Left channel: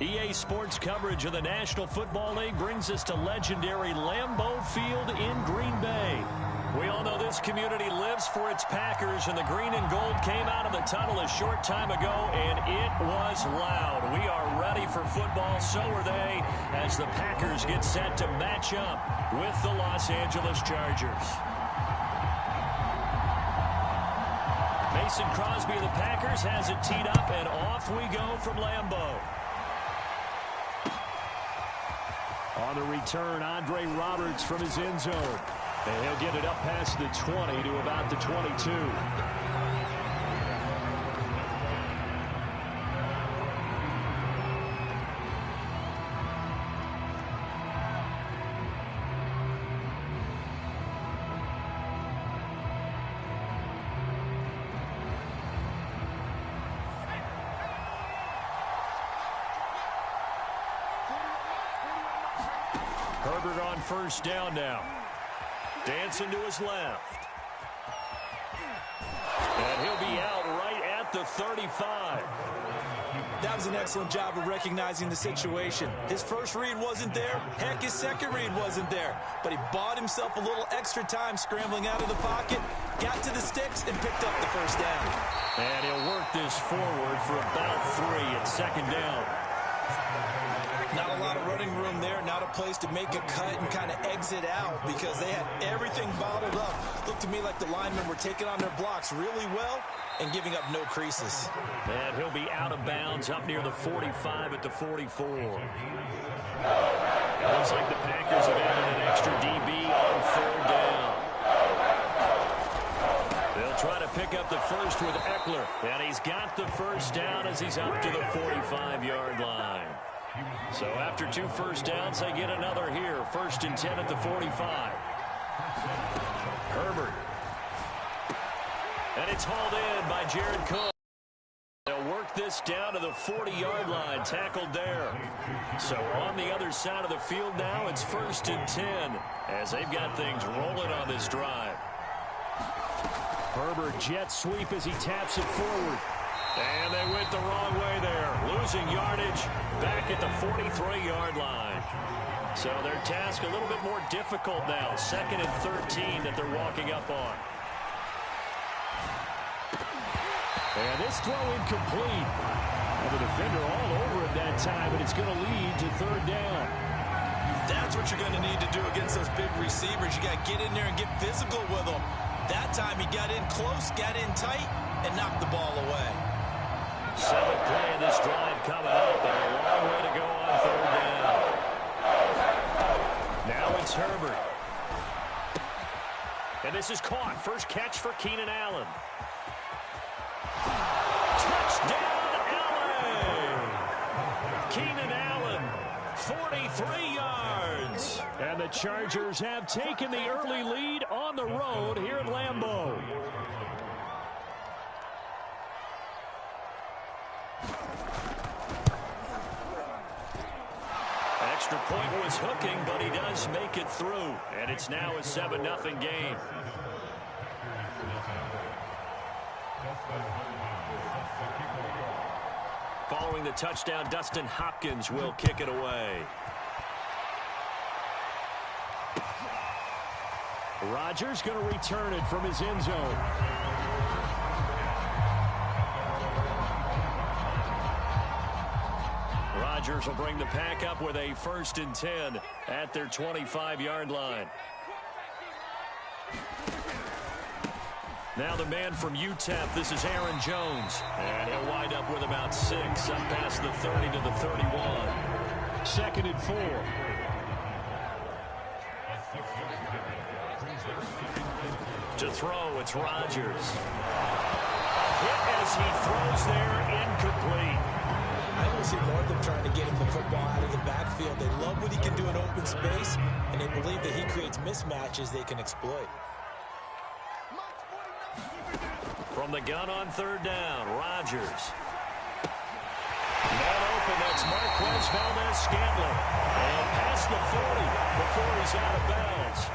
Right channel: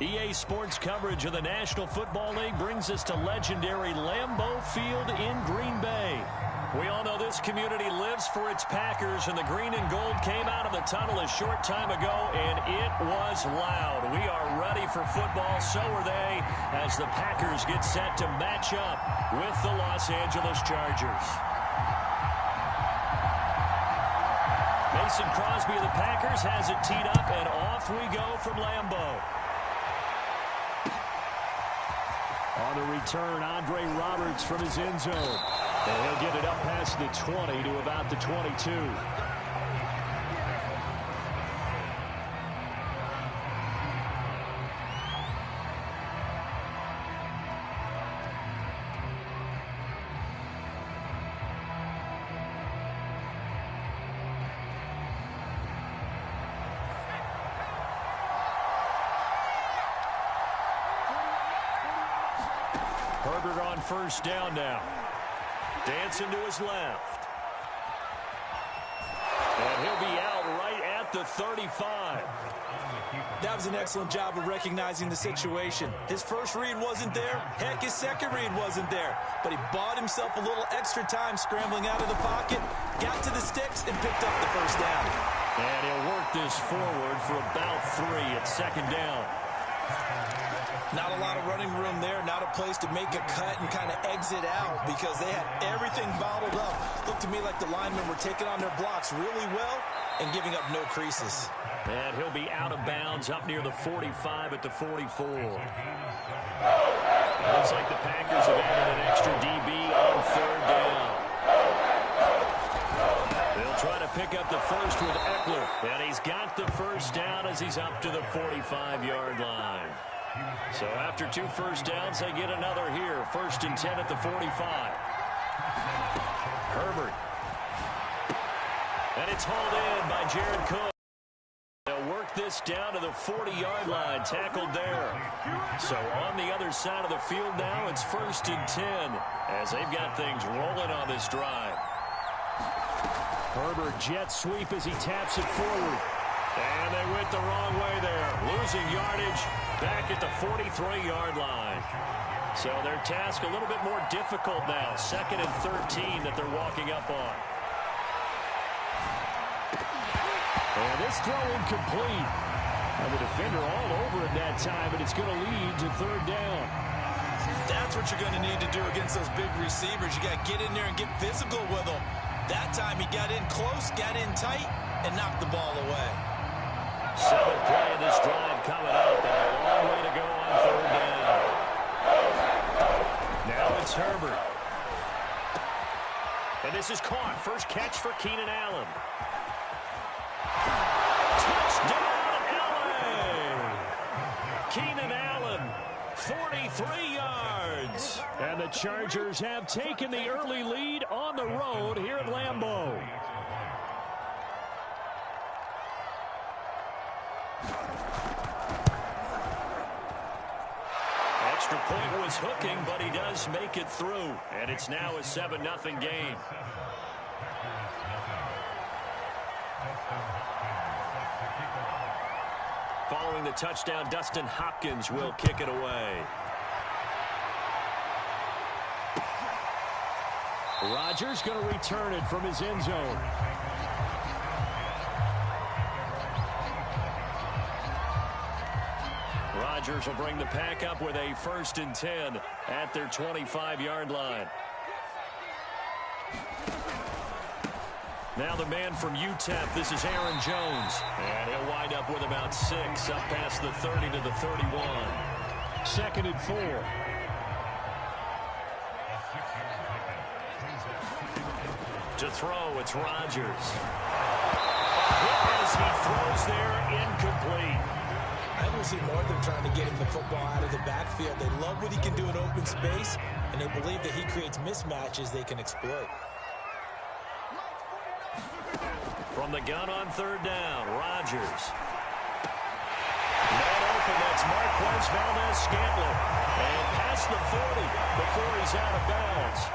EA Sports coverage of the National Football League brings us to legendary Lambeau Field in Green Bay. We all know this community lives for its Packers, and the green and gold came out of the tunnel a short time ago, and it was loud. We are ready for football, so are they, as the Packers get set to match up with the Los Angeles Chargers. Mason Crosby of the Packers has it teed up, and off we go from Lambeau. On the return, Andre Roberts from his end zone. And he'll get it up past the 20 to about the 22. Herbert on first down now. Dancing to his left. And he'll be out right at the 35. That was an excellent job of recognizing the situation. His first read wasn't there. Heck, his second read wasn't there. But he bought himself a little extra time scrambling out of the pocket, got to the sticks, and picked up the first down. And he'll work this forward for about 3 at second down. Not a lot of running room there, not a place to make a cut and kind of exit out because they had everything bottled up. Looked to me like the linemen were taking on their blocks really well and giving up no creases. And he'll be out of bounds up near the 45 at the 44. It looks like the Packers have added an extra DB on third down. They'll try to pick up the first with Eckler. And he's got the first down as he's up to the 45-yard line. So after 2 first downs, they get another here. 1st and 10 at the 45. Herbert. And it's hauled in by Jared Cook. They'll work this down to the 40-yard line, tackled there. So on the other side of the field now, it's 1st and 10 as they've got things rolling on this drive. Herbert jet sweep as he taps it forward. And they went the wrong way there, losing yardage back at the 43-yard line. So their task a little bit more difficult now. 2nd and 13 that they're walking up on. And this throw incomplete. And the defender all over it that time, but it's going to lead to 3rd down. That's what you're going to need to do against those big receivers. You got to get in there and get physical with them. That time he got in close, got in tight, and knocked the ball away. 7th play of this drive coming up, and a long way to go on 3rd down. Now it's Herbert. And this is caught. First catch for Keenan Allen. Touchdown, LA! Keenan Allen, 43 yards. And the Chargers have taken the early lead on the road here at Lambeau. Extra point was hooking, but he does make it through. And it's now a 7-0 game. Following the touchdown, Dustin Hopkins will kick it away. Rodgers going to return it from his end zone. Rodgers will bring the pack up with a 1st and 10 at their 25-yard line. Now the man from UTEP, this is Aaron Jones. And he'll wind up with about 6 up past the 30 to the 31. 2nd and 4. To throw, it's Rodgers. Hit as he throws there, incomplete. I don't see more of them trying to get him the football out of the backfield. They love what he can do in open space, and they believe that he creates mismatches they can exploit. From the gun on 3rd down, Rodgers. Man open, that's Marquez Valdez-Scantling. And past the 40 before he's out of bounds.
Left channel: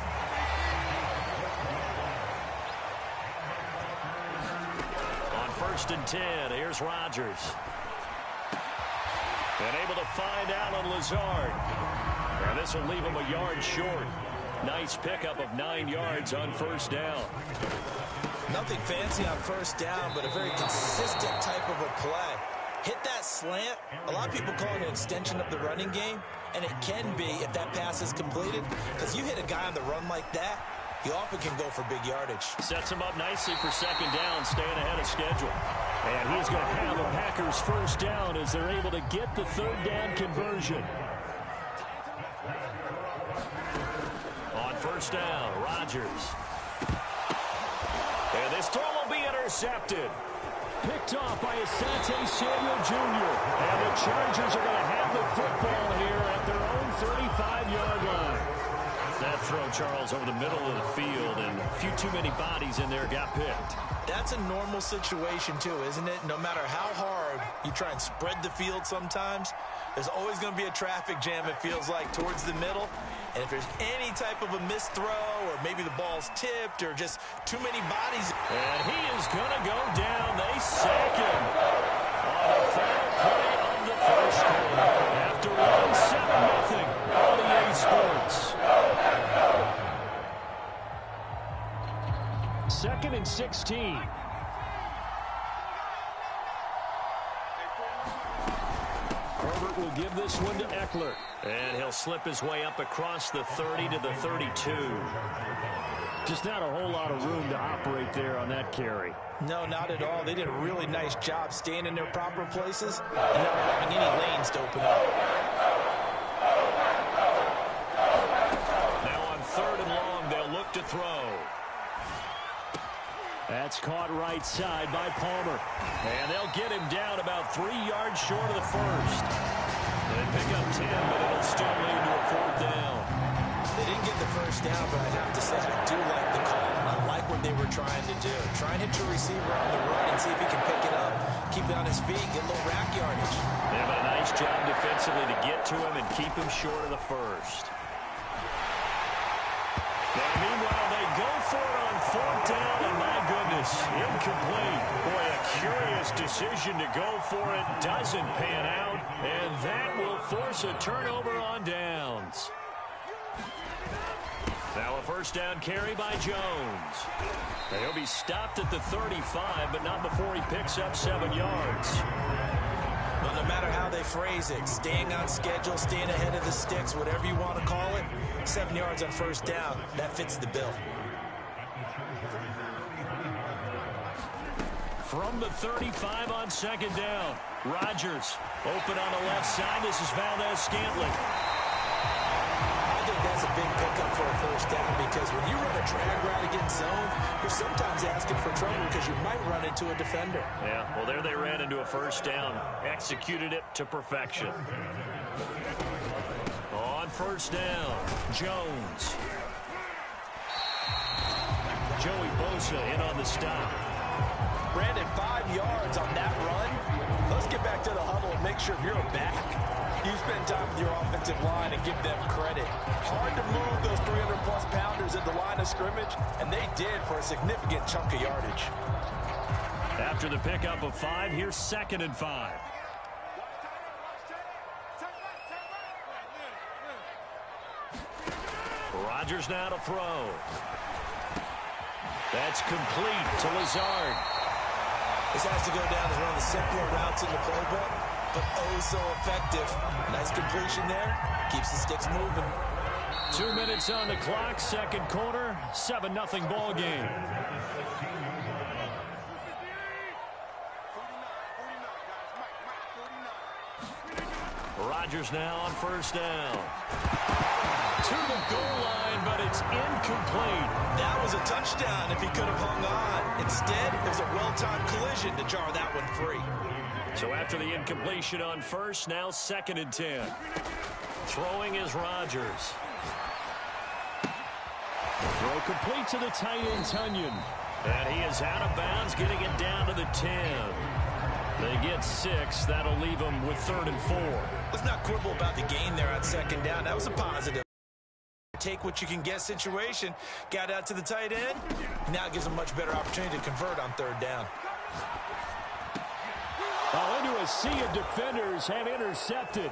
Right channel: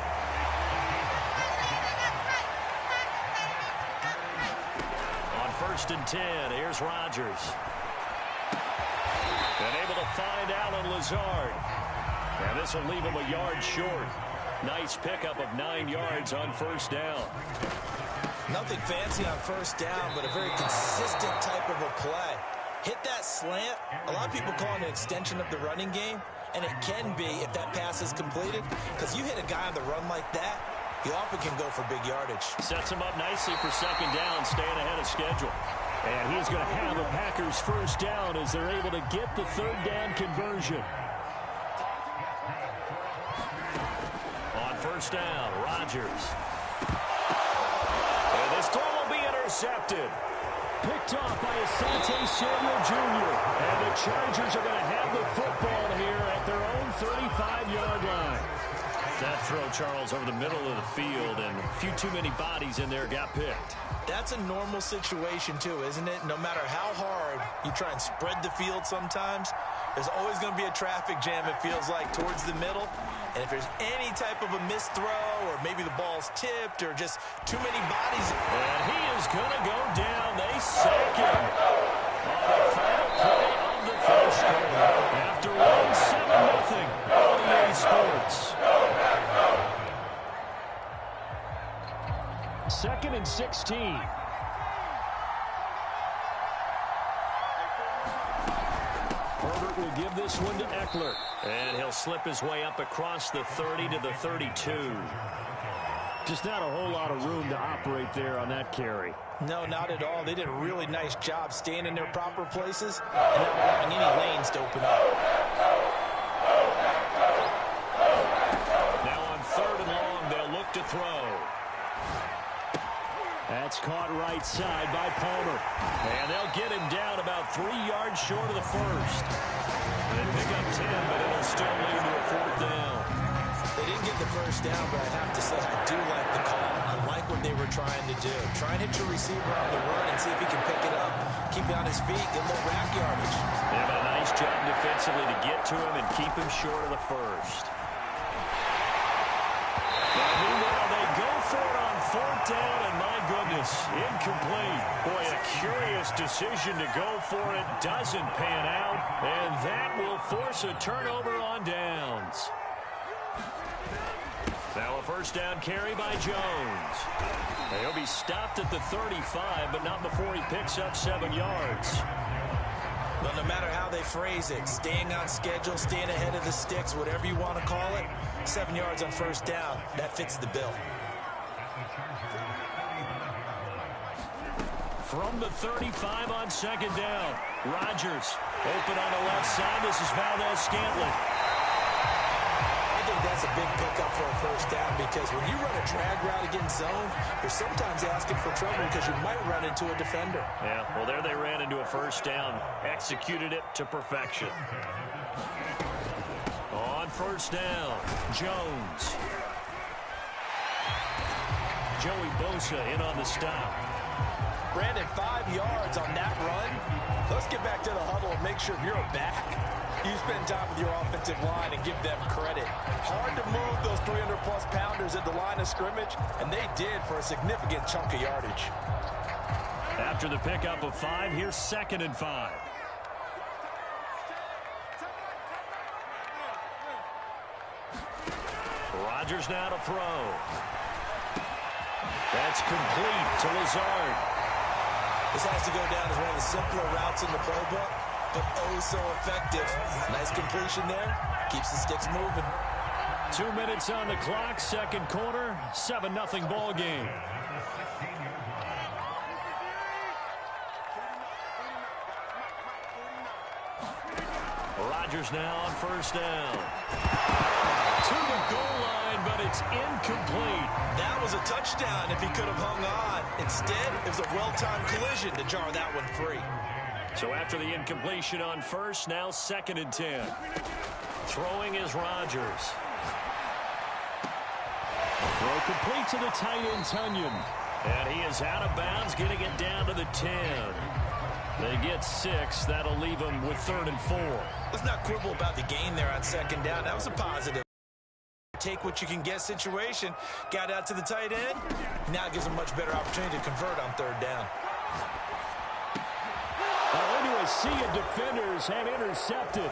On 1st and 10, here's Rodgers. And able to find Alan Lazard. And this will leave him a yard short. Nice pickup of 9 yards on first down. Nothing fancy on first down, but a very consistent type of a play. Hit that slant. A lot of people call it an extension of the running game, and it can be if that pass is completed, because you hit a guy on the run like that, he often can go for big yardage. Sets him up nicely for second down, staying ahead of schedule. And he's going to have a Packers first down as they're able to get the third down conversion. On first down, Rodgers. And this throw will be intercepted. Picked off by Asante Samuel Jr. And the Chargers are going to have the football here at their own 35-yard line. That throw, Charles, over the middle of the field, and a few too many bodies in there got picked. That's a normal situation, too, isn't it? No matter how hard you try and spread the field sometimes, there's always going to be a traffic jam, it feels like, towards the middle. And if there's any type of a missed throw, or maybe the ball's tipped, or just too many bodies. And he is going to go down. They sack him on the final play of the first quarter. After one 7-0 on EA Sports. 2nd and 16. Herbert will give this one to Eckler. And he'll slip his way up across the 30 to the 32. Just not a whole lot of room to operate there on that carry. No, not at all. They did a really nice job staying in their proper places and not allowing any lanes to open up. Now on 3rd and long, they'll look to throw. That's caught right side by Palmer. And they'll get him down about 3 yards short of the first. They pick up 10, but it'll still lead to a 4th down. They didn't get the first down, but I have to say I do like the call. I like what they were trying to do. Try and hit your receiver on the run and see if he can pick it up. Keep it on his feet, get a little rack yardage. Yeah, but a nice job defensively to get to him and keep him short of the first. Now, meanwhile, they go for it on 4th down, and my goodness, incomplete. Boy, a curious decision to go for it. Doesn't pan out, and that will force a turnover on downs. Now a first down carry by Jones. He'll be stopped at the 35, but not before he picks up 7 yards. Well, no matter how they phrase it, staying on schedule, staying ahead of the sticks, whatever you want to call it, 7 yards on first down, that fits the bill. From the 35 on 2nd down, Rodgers open on the left side. This is Valdez-Scantling. I think that's a big pickup for a first down because when you run a drag route against zone, you're sometimes asking for trouble because you might run into a defender. Yeah, well, there they ran into a first down. Executed it to perfection. On first down, Jones. Joey Bosa in on the stop. Brandon, 5 yards on that run. Let's get back to the huddle and make sure if you're a back, you spend time with your offensive line and give them credit. Hard to move those 300-plus pounders at the line of scrimmage, and they did for a significant chunk of yardage. After the pickup of 5, here's 2nd and 5. Rodgers now to throw. That's complete to Lazard. This has to go down as one of the simpler routes in the playbook, but oh so effective. Nice completion there. Keeps the sticks moving. 2 minutes on the clock, second quarter, 7-0 ball game. Rodgers now on first down. To the goal line, but it's incomplete. That was a touchdown if he could have hung on. Instead, it was a well-timed collision to jar that one free. So after the incompletion on first, now 2nd and 10. Throwing is Rodgers. Throw complete to the tight end, Tunyon. And he is out of bounds, getting it down to the 10. They get 6. That'll leave them with 3rd and 4. Let's not quibble about the gain there on 2nd down. That was a positive. Take what you can get situation. Got out to the tight end. Now it gives them much better opportunity to convert on 3rd down. Oh, into a sea of defenders and intercepted.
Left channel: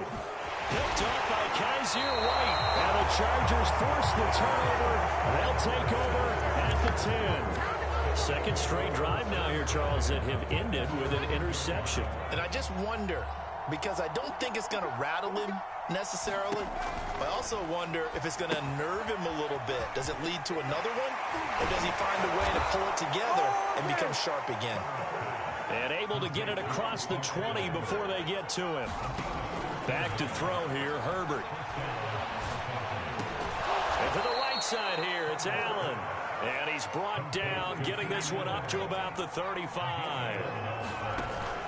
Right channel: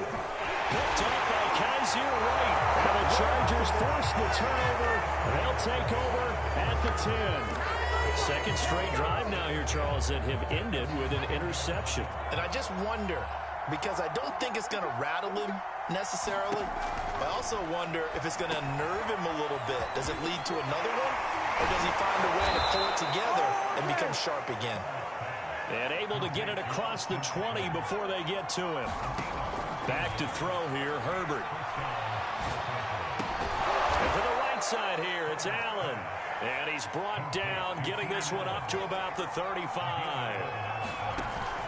Picked off by Kaiser White. And the Chargers force the turnover. They'll take over at the 10. Second straight drive now here, Charles, that have ended with an interception. And I just wonder, because I don't think it's going to rattle him necessarily, but I also wonder if it's going to unnerve him a little bit. Does it lead to another one, or does he find a way to pull it together and become sharp again? And able to get it across the 20 before they get to him. Back to throw here, Herbert. And to the right side here, it's Allen. And he's brought down, getting this one up to about the 35.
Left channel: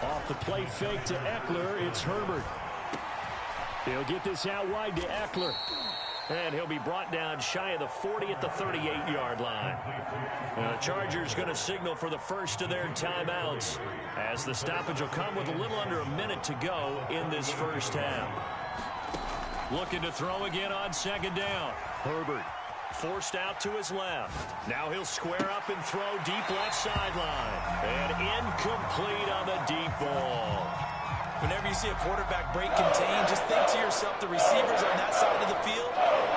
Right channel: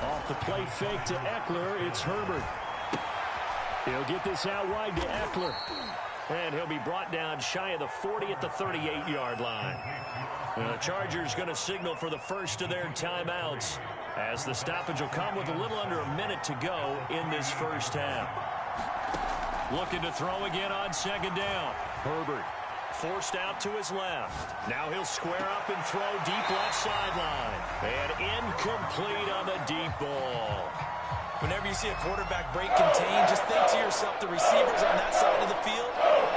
Off the play fake to Eckler, it's Herbert. He'll get this out wide to Eckler. And he'll be brought down shy of the 40 at the 38-yard line. The Chargers going to signal for the first of their timeouts, as the stoppage will come with a little under a minute to go in this first half. Looking to throw again on second down. Herbert forced out to his left. Now he'll square up and throw deep left sideline. And incomplete on the deep ball. Whenever you see a quarterback break contain, just think to yourself, the receivers on that side of the field,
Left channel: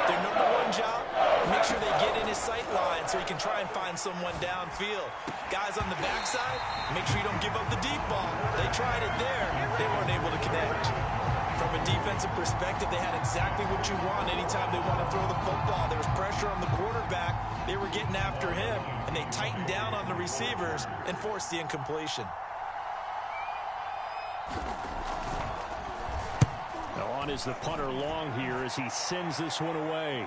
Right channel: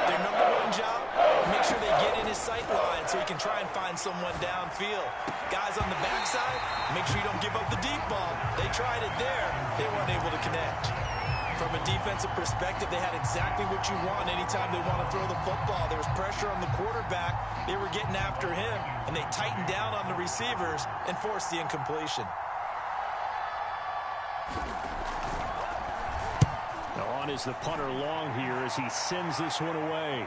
their number one job, make sure they get in his sight line so he can try and find someone downfield. Guys on the backside, make sure you don't give up the deep ball. They tried it there. They weren't able to connect. From a defensive perspective, they had exactly what you want anytime they want to throw the football. There was pressure on the quarterback. They were getting after him, and they tightened down on the receivers and forced the incompletion. Now on is the punter long here as he sends this one away.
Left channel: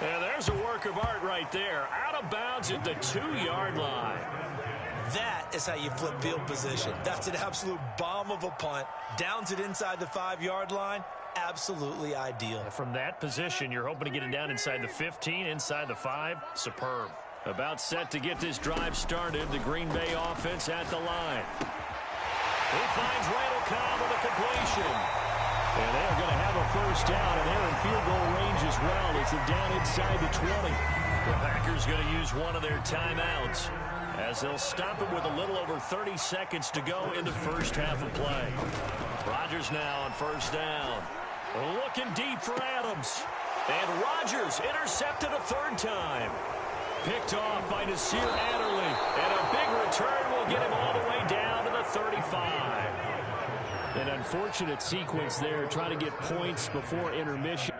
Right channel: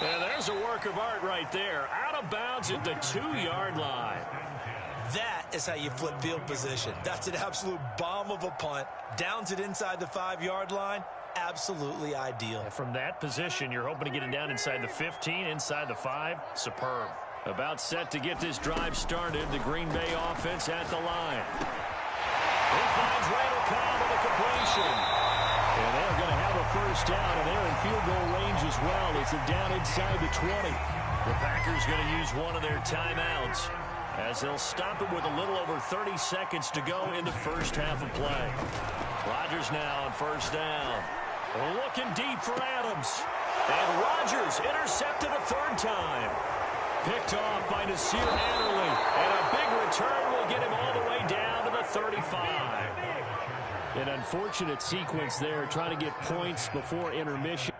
And there's a work of art right there. Out of bounds at the 2-yard line. That is how you flip field position. That's an absolute bomb of a punt. Downs it inside the 5-yard line. Absolutely ideal. From that position, you're hoping to get it down inside the 15, inside the 5. Superb. About set to get this drive started. The Green Bay offense at the line. He finds Randall Cobb with a completion. And they're going to have a first down, and they're in field goal range as well as they're down inside the 20. The Packers going to use one of their timeouts as they'll stop it with a little over 30 seconds to go in the first half of play. Rodgers now on first down. Looking deep for Adams. And Rodgers intercepted a third time. Picked off by Nasir Adderley. And a big return will get him all the way down to the 35. An unfortunate sequence there, trying to get points before intermission.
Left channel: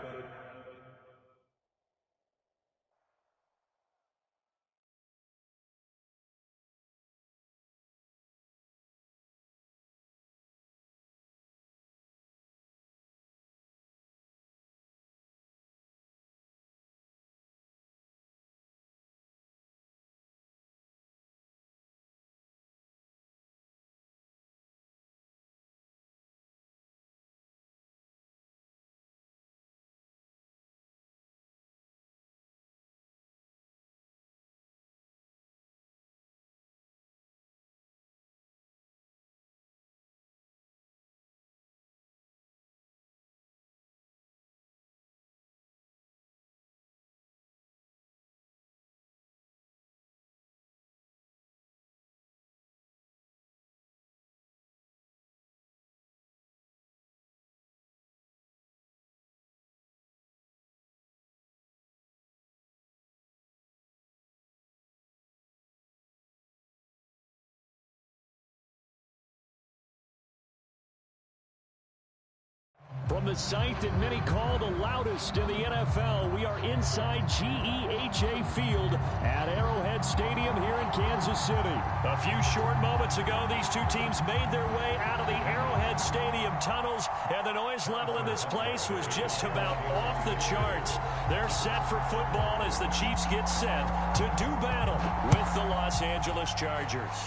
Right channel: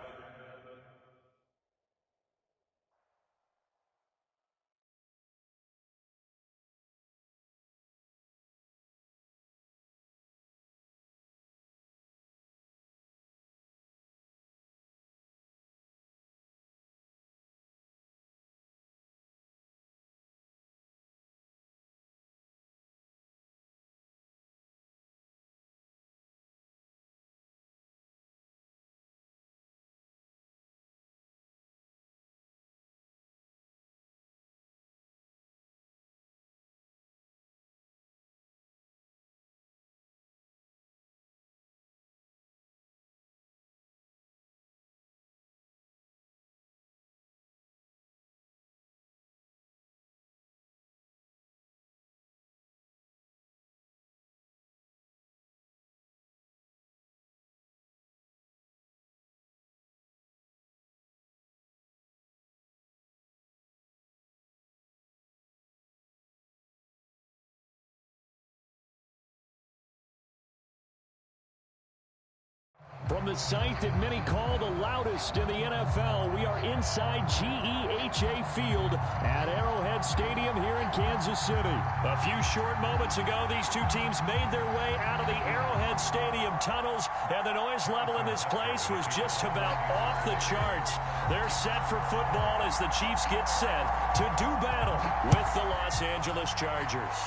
From the site that many call the loudest in the NFL, we are inside GEHA Field at Arrowhead Stadium here in Kansas City. A few short moments ago, these two teams made their way out of the Arrowhead Stadium tunnels, and the noise level in this place was just about off the charts. They're set for football as the Chiefs get set to do battle with the Los Angeles Chargers.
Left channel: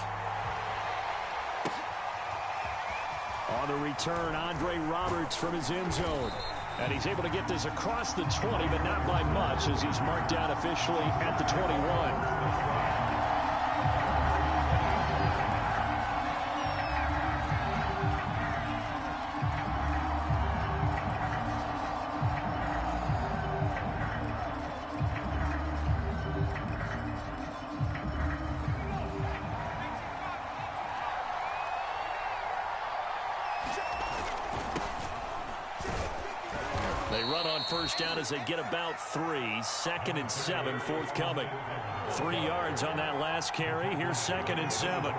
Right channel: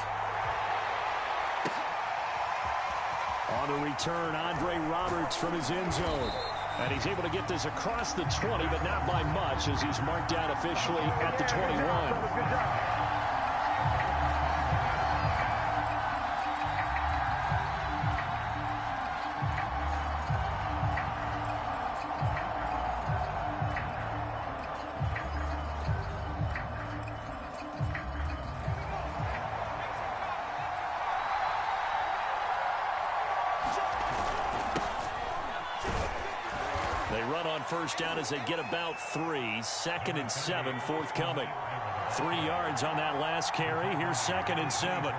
On the return, Andre Roberts from his end zone. And he's able to get this across the 20, but not by much, as he's marked down officially at the 21. They run on first down as they get about 3. 2nd and 7 forthcoming. 3 yards on that last carry. Here's 2nd and 7.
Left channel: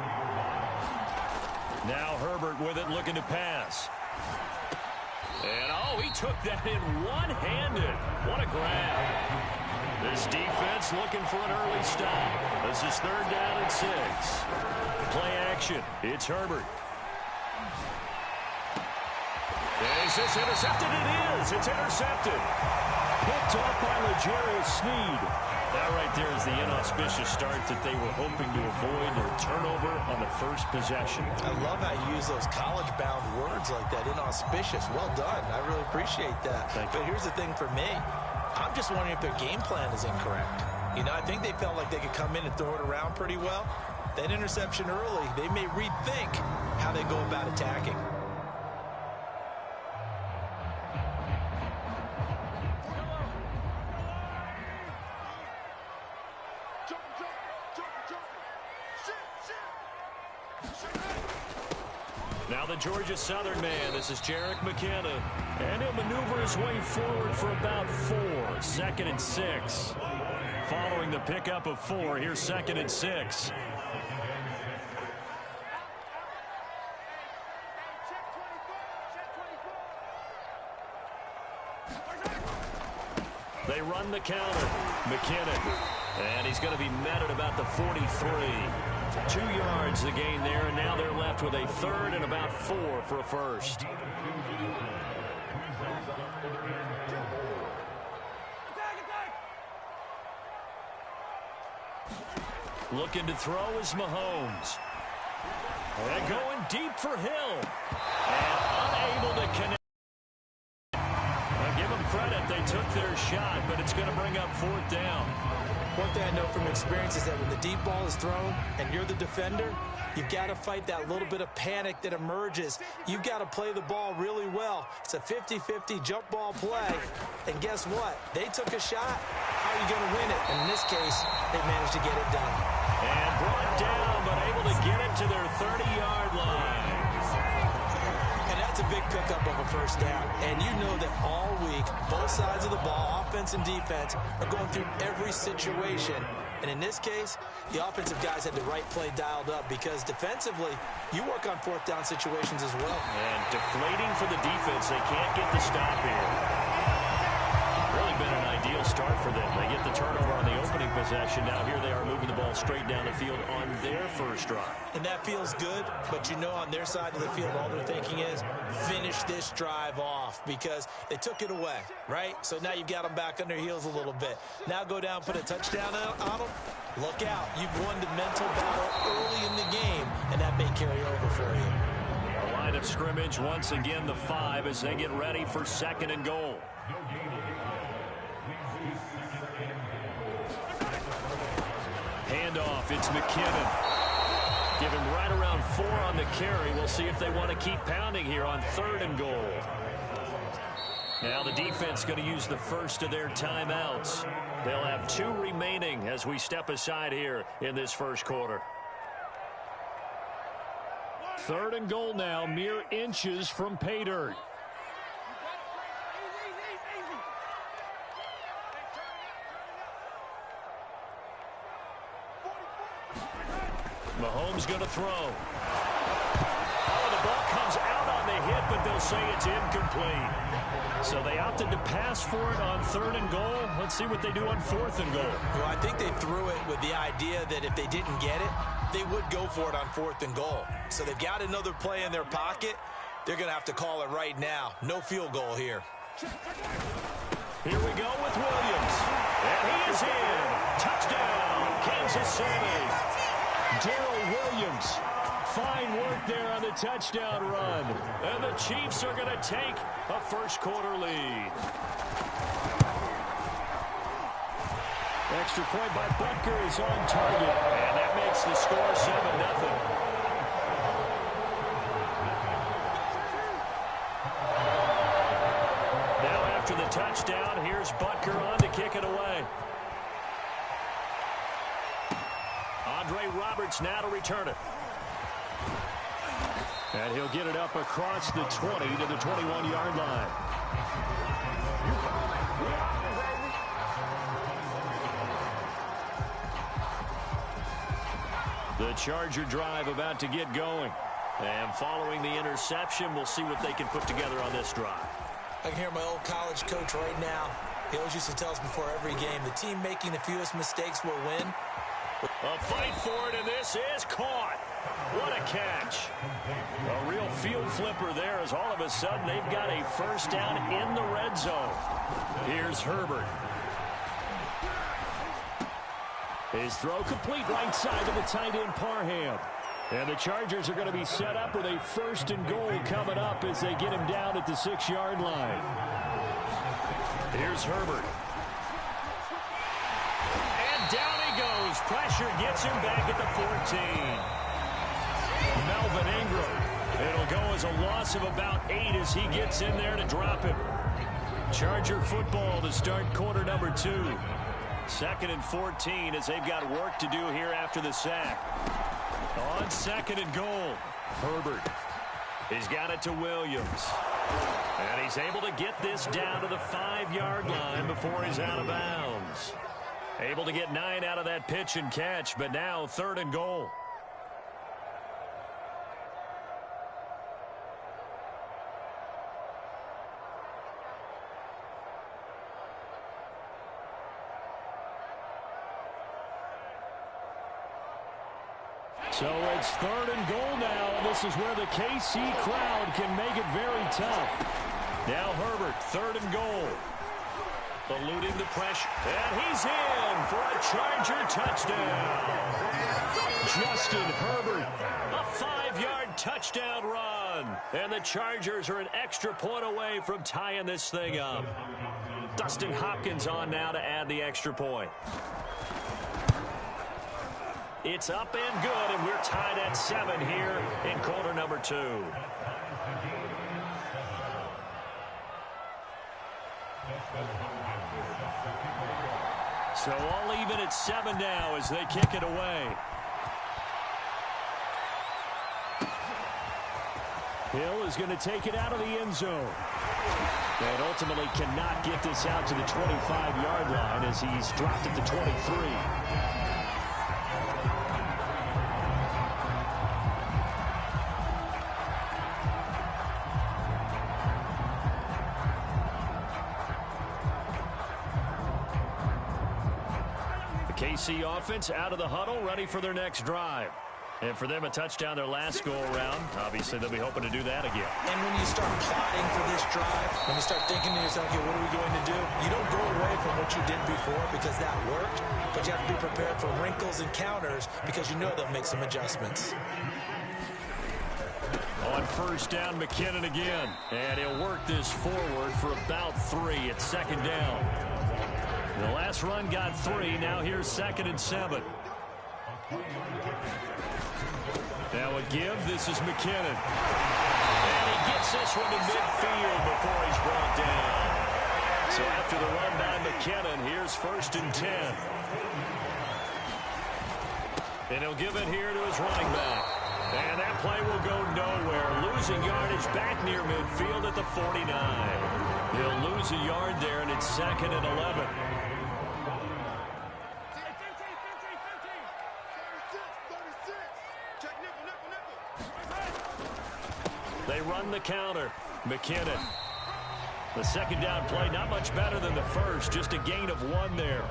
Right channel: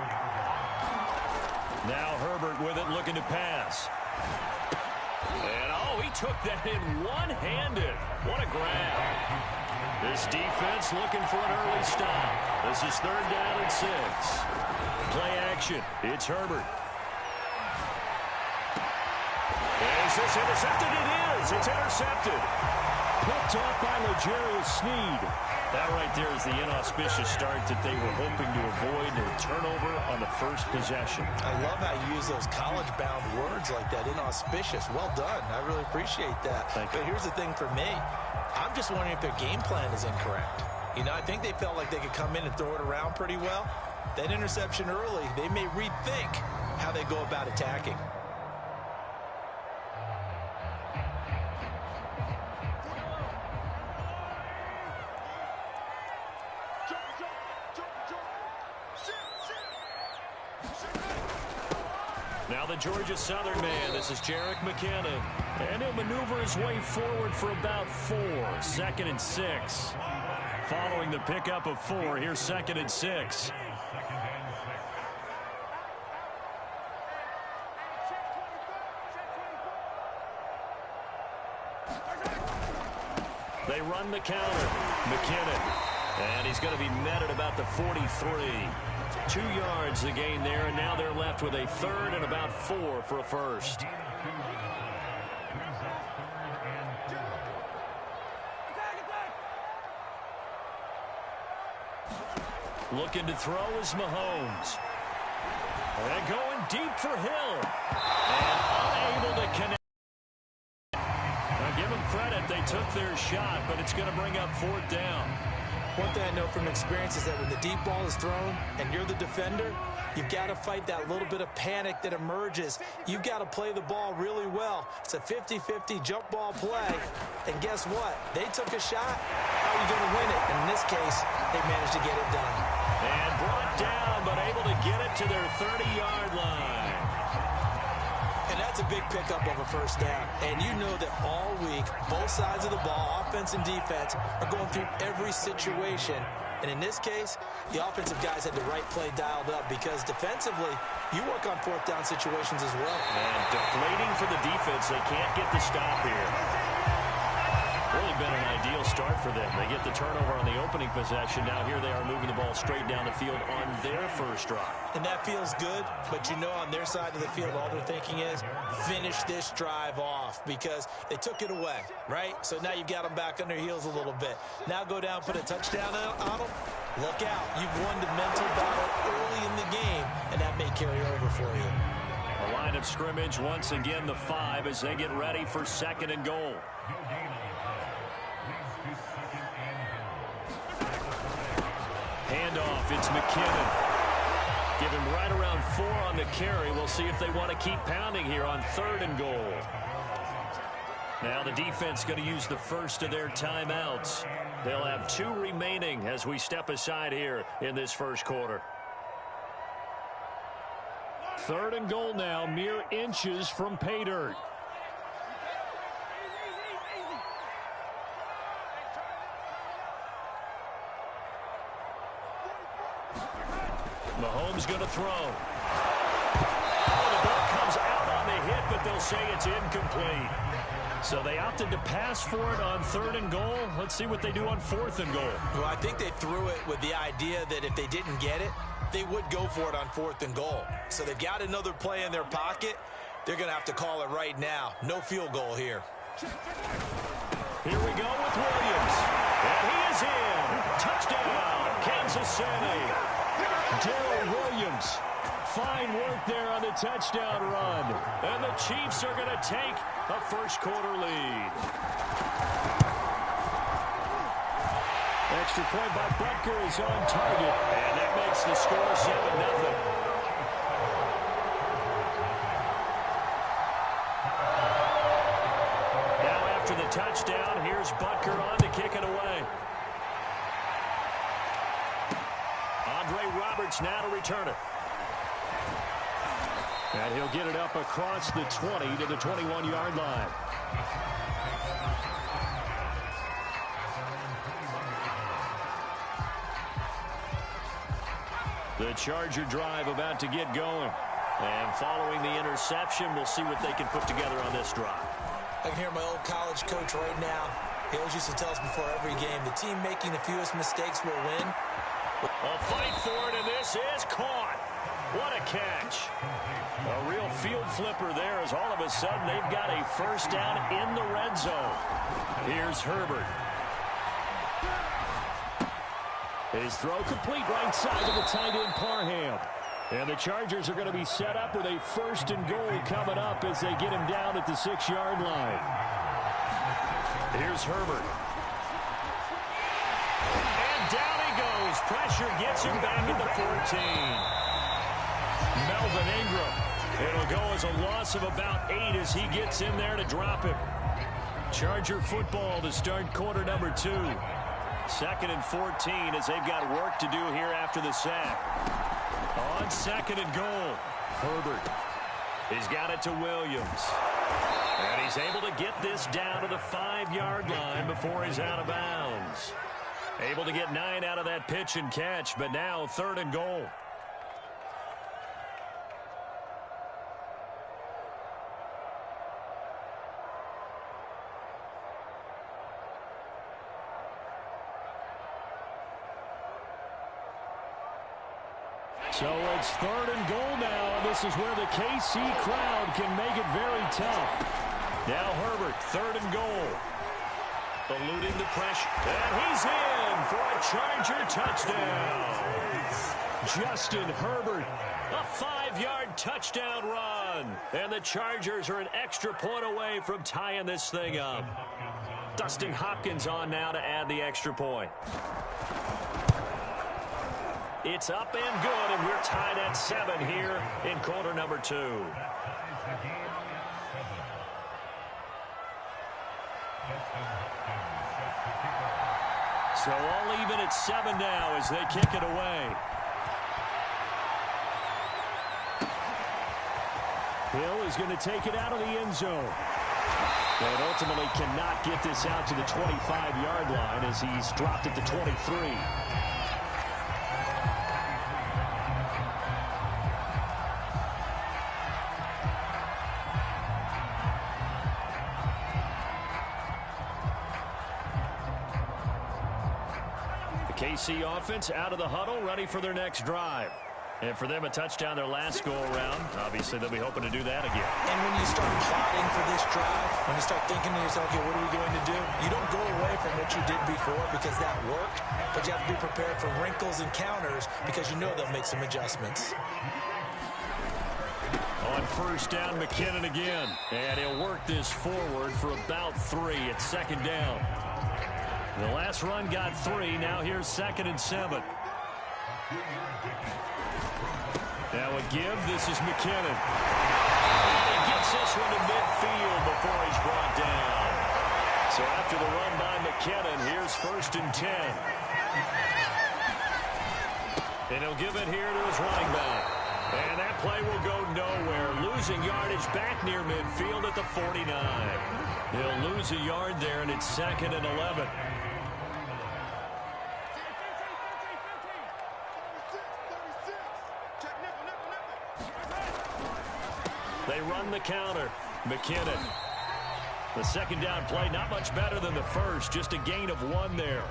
Now Herbert with it, looking to pass. And, he took that in one-handed. What a grab. This defense looking for an early stop. This is 3rd down and 6. Play action. It's Herbert. Is this intercepted? It is. It's intercepted. Picked up by L'Jarius Sneed. That right there is the inauspicious start that they were hoping to avoid, a turnover on the first possession. I love how you use those college-bound words like that, inauspicious. Well done. I really appreciate that. But here's the thing for me. I'm just wondering if their game plan is incorrect. I think they felt like they could come in and throw it around pretty well. That interception early, they may rethink how they go about attacking. Now the Georgia Southern man, this is Jerick McKinnon. And he'll maneuver his way forward for about 4. 2nd and 6. Following the pickup of 4, here's 2nd and 6. They run the counter. McKinnon. And he's going to be met at about the 43. 2 yards the gain there, and now they're left with a 3rd and about 4 for a first. Looking to throw is Mahomes. And going deep for Hill. And unable to connect. I'll give them credit. They took their shot, but it's going to bring up 4th down. One thing I know from experience is that when the deep ball is thrown and you're the defender, you've got to fight that little bit of panic that emerges. You've got to play the ball really well. It's a 50-50 jump ball play. And guess what? They took a shot. How are you going to win it? And in this case, they managed to get it done. And brought down, but able to get it to their 30-yard line. And that's a big pickup of a first down. And you know that all week, both sides of the ball, offense and defense, are going through every situation. And in this case, the offensive guys had the right play dialed up because defensively, you work on 4th down situations as well. And deflating for the defense. They can't get the stop here. Really been an ideal start for them. They get the turnover on the opening possession. Now here they are moving the ball straight down the field on their first drive. And that feels good, but you know on their side of the field, all they're thinking is finish this drive off because they took it away, right? So now you've got them back on their heels a little bit. Now go down, put a touchdown on them. Look out. You've won the mental battle early in the game, and that may carry over for you. A line of scrimmage once again the 5 as they get ready for 2nd and goal. Handoff, it's McKinnon. Give him right around 4 on the carry. We'll see if they want to keep pounding here on 3rd and goal. Now the defense going to use the first of their timeouts. They'll have 2 remaining as we step aside here in this first quarter. 3rd and goal now, mere inches from pay dirt. Mahomes going to throw. Oh, the ball comes out on the hit, but they'll say it's incomplete. So they opted to pass for it on 3rd and goal. Let's see what they do on 4th and goal. Well, I think they threw it with the idea that if they didn't get it, they would go for it on 4th and goal. So they've got another play in their pocket. They're going to have to call it right now. No field goal here. Here we go with Williams. And he is in. Touchdown, Kansas City. Darrell Williams. Fine work there on the touchdown run. And the Chiefs are going to take a first quarter lead. Extra point by Butker is on target. And that makes the score 7-0. Now after the touchdown, here's Butker on to kick it away. Andre Roberts now to return it. And he'll get it up across the 20 to the 21-yard line. The Charger drive about to get going. And following the interception, we'll see what they can put together on this drive. I can hear my old college coach right now. He always used to tell us before every game, the team making the fewest mistakes will win. A fight for it, and this is caught. What a catch. A real field flipper there as all of a sudden they've got a first down in the red zone. Here's Herbert. His throw complete right side to the tight end Parham. And the Chargers are going to be set up with a 1st and goal coming up as they get him down at the 6-yard line. Here's Herbert. And down he goes. Pressure gets him back at the 14. Melvin Ingram. It'll go as a loss of about 8 as he gets in there to drop him. Charger football to start quarter number 2. 2nd and 14 as they've got work to do here after the sack. On 2nd and goal, Herbert. He's got it to Williams. And he's able to get this down to the 5-yard line before he's out of bounds. Able to get 9 out of that pitch and catch, but now 3rd and goal. So it's 3rd and goal now, and this is where the KC crowd can make it very tough. Now Herbert, 3rd and goal. Eluding the pressure, and he's in for a Charger touchdown. Justin Herbert, a 5-yard touchdown run. And the Chargers are an extra point away from tying this thing up. Dustin Hopkins on now to add the extra point. It's up and good, and we're tied at 7 here in quarter number 2. So all even at 7 now as they kick it away. Hill is going to take it out of the end zone. And ultimately cannot get this out to the 25-yard line as he's dropped at the 23. KC offense out of the huddle, ready for their next drive. And for them, a touchdown their last go-around. Obviously, they'll be hoping to do that again. And when you start plotting for this drive, when you start thinking to yourself, okay, what are we going to do? You don't go away from what you did before because that worked, but you have to be prepared for wrinkles and counters because you know they'll make some adjustments. On 1st down, McKinnon again. And he'll work this forward for about 3 at 2nd down. The last run got 3. Now here's 2nd and 7. Now a give. This is McKinnon. And he gets this one to midfield before he's brought down. So after the run by McKinnon, here's 1st and 10. And he'll give it here to his running back. And that play will go nowhere. Losing yardage back near midfield at the 49. He'll lose a yard there, and it's 2nd and 11. They run the counter. McKinnon. The 2nd down play, not much better than the first. Just a gain of 1 there.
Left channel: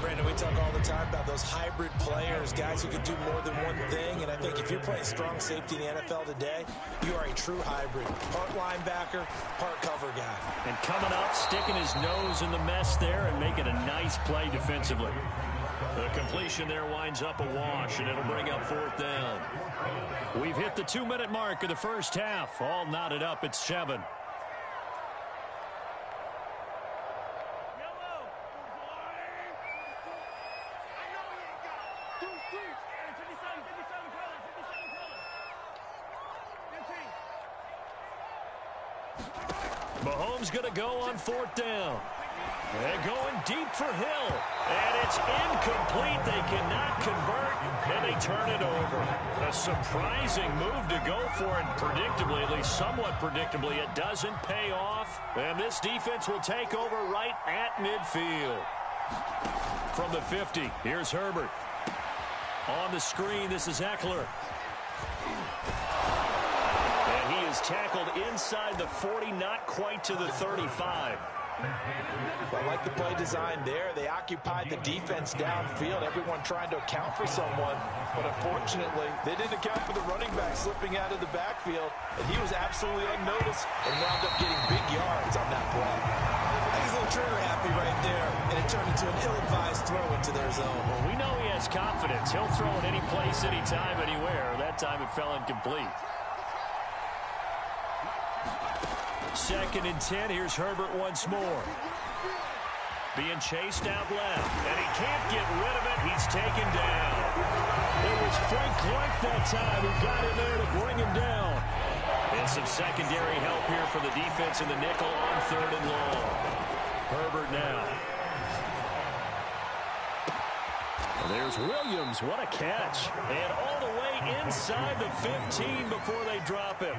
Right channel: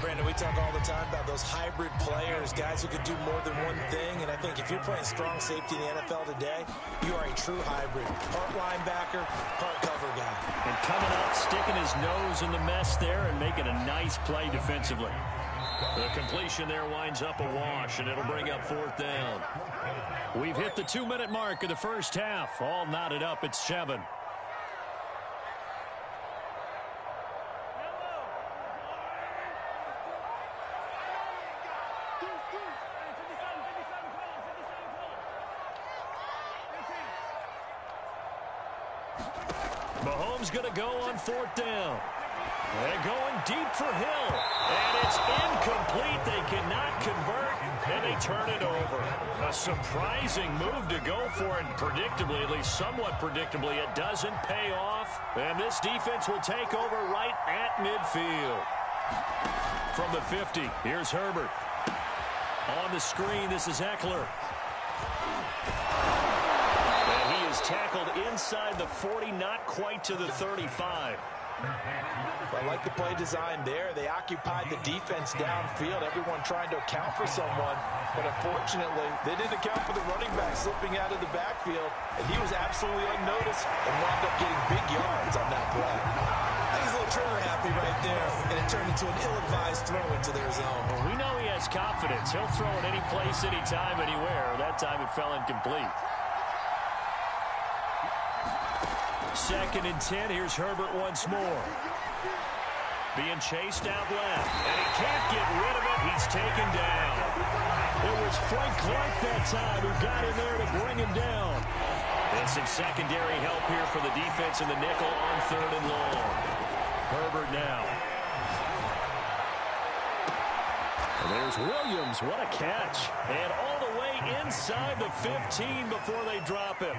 Brandon, we talk all the time about those hybrid players, guys who could do more than one thing. And I think if you're playing strong safety in the NFL today, you are a true hybrid. Part linebacker, part cover guy. And coming up, sticking his nose in the mess there and making a nice play defensively. The completion there winds up a wash, and it'll bring up 4th down. We've hit the 2-minute mark of the first half. All knotted up at 7. Mahomes going to go on 4th down. They're going deep for Hill. And it's incomplete. They cannot convert, and they turn it over. A surprising move to go for it. Predictably, at least somewhat predictably, it doesn't pay off. And this defense will take over right at midfield. From the 50, here's Herbert. On the screen, this is Eckler. And he is tackled inside the 40, not quite to the 35. I like the play design there. They occupied the defense downfield, everyone trying to account for someone. But unfortunately, they didn't account for the running back slipping out of the backfield, and he was absolutely unnoticed and wound up getting big yards on that play. I think he's a little trigger happy right there, and it turned into an ill-advised throw into their zone. Well, we know he has confidence. He'll throw it any place, anytime, anywhere. That time it fell incomplete. 2nd and 10. Here's Herbert once more. Being chased out left, and he can't get rid of it. He's taken down. It was Frank Clark that time who got in there to bring him down. And some secondary help here for the defense in the nickel on 3rd and long. Herbert now. And there's Williams. What a catch. And all the way inside the 15 before they drop him.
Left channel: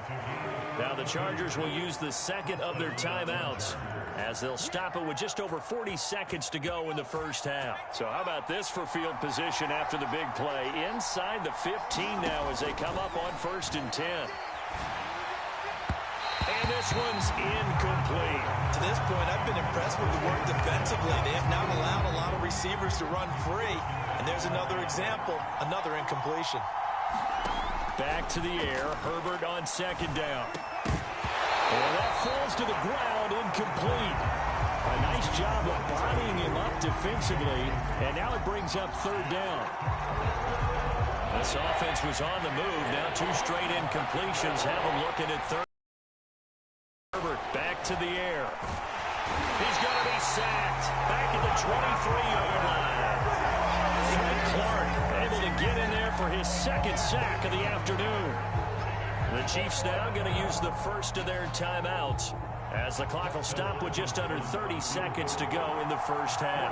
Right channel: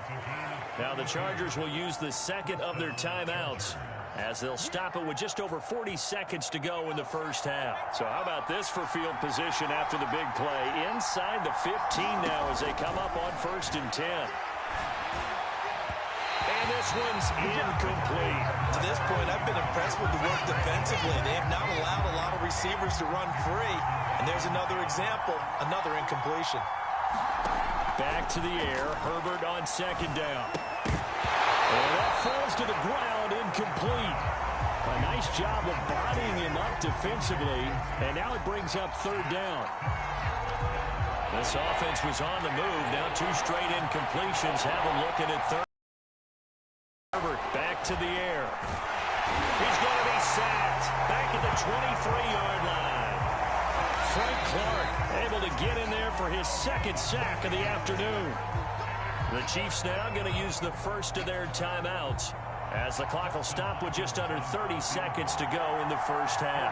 Now the Chargers will use the second of their timeouts as they'll stop it with just over 40 seconds to go in the first half. So how about this for field position after the big play? Inside the 15 now as they come up on 1st and 10. And this one's incomplete. To this point, I've been impressed with the work defensively. They have not allowed a lot of receivers to run free. And there's another example, another incompletion. Back to the air, Herbert on 2nd down. And that falls to the ground, incomplete. A nice job of bodying him up defensively, and now it brings up 3rd down. This offense was on the move. Now 2 straight incompletions have them looking at 3rd. Herbert back to the air. He's going to be sacked back at the 23-yard line. Frank Clark able to get in there for his 2nd sack of the afternoon. The Chiefs now going to use the first of their timeouts as the clock will stop with just under 30 seconds to go in the first half.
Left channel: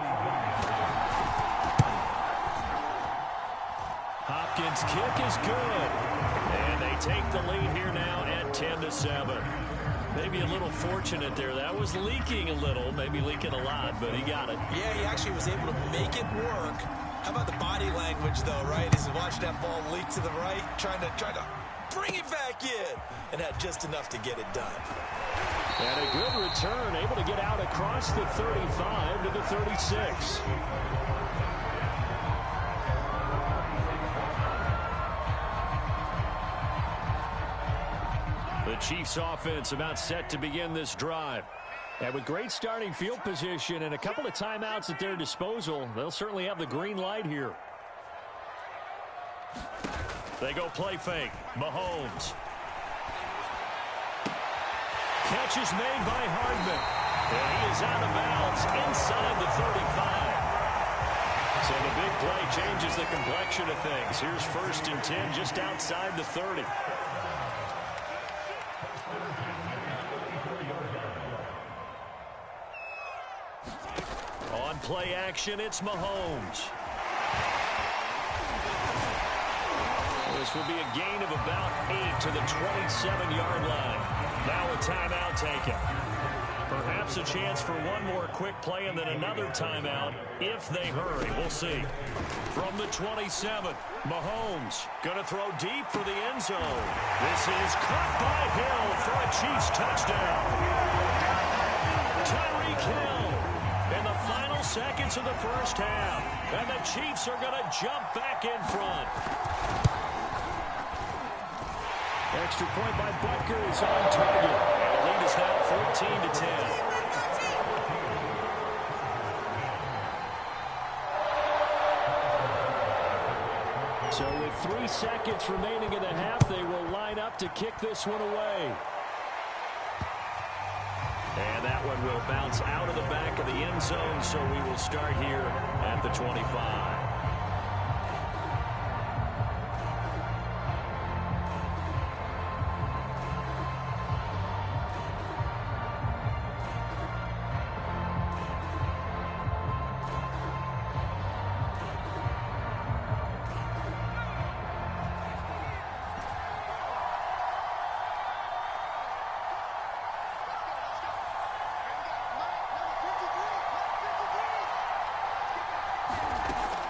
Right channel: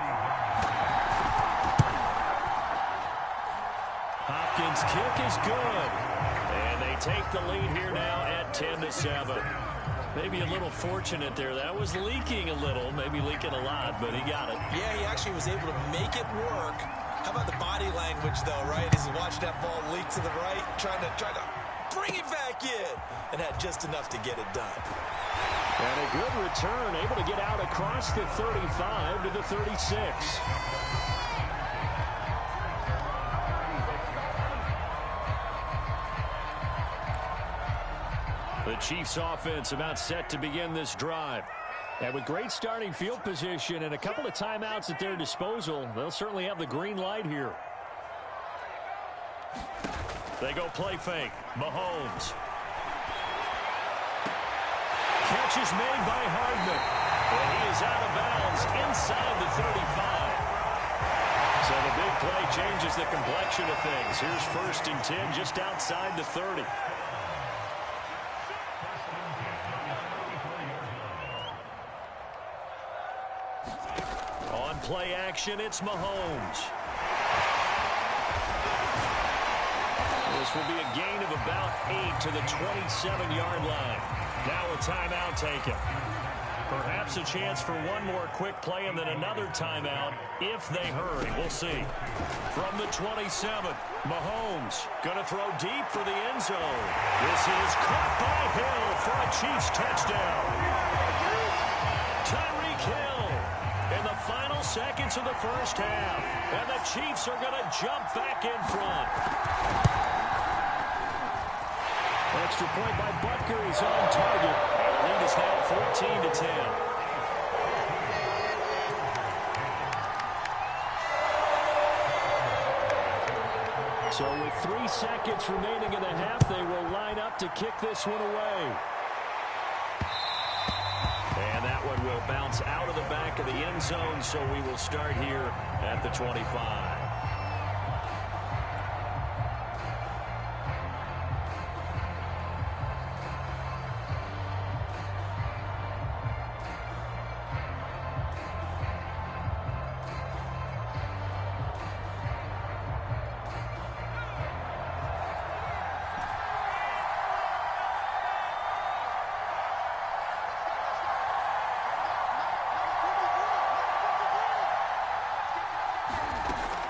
Hopkins' kick is good. And they take the lead here now at 10-7. Maybe a little fortunate there. That was leaking a little, maybe leaking a lot, but he got it. Yeah, he actually was able to make it work. How about the body language, though, right? As he watched that ball leak to the right, trying to bring it back in, and had just enough to get it done. And a good return, able to get out across the 35 to the 36. The Chiefs offense about set to begin this drive. And with great starting field position and a couple of timeouts at their disposal, they'll certainly have the green light here. They go play fake. Mahomes. Catch is made by Hardman. And he is out of bounds inside the 35. So the big play changes the complexion of things. Here's 1st and 10 just outside the 30. On play action, it's Mahomes. This will be a gain of about 8 to the 27-yard line. Now a timeout taken. Perhaps a chance for one more quick play and then another timeout if they hurry. We'll see. From the 27, Mahomes going to throw deep for the end zone. This is caught by Hill for a Chiefs touchdown. Tyreek Hill in the final seconds of the first half. And the Chiefs are going to jump back in front. Extra point by Butker is on target. And the lead is now 14-10. So with 3 seconds remaining in the half, they will line up to kick this one away. And that one will bounce out of the back of the end zone, so we will start here at the 25.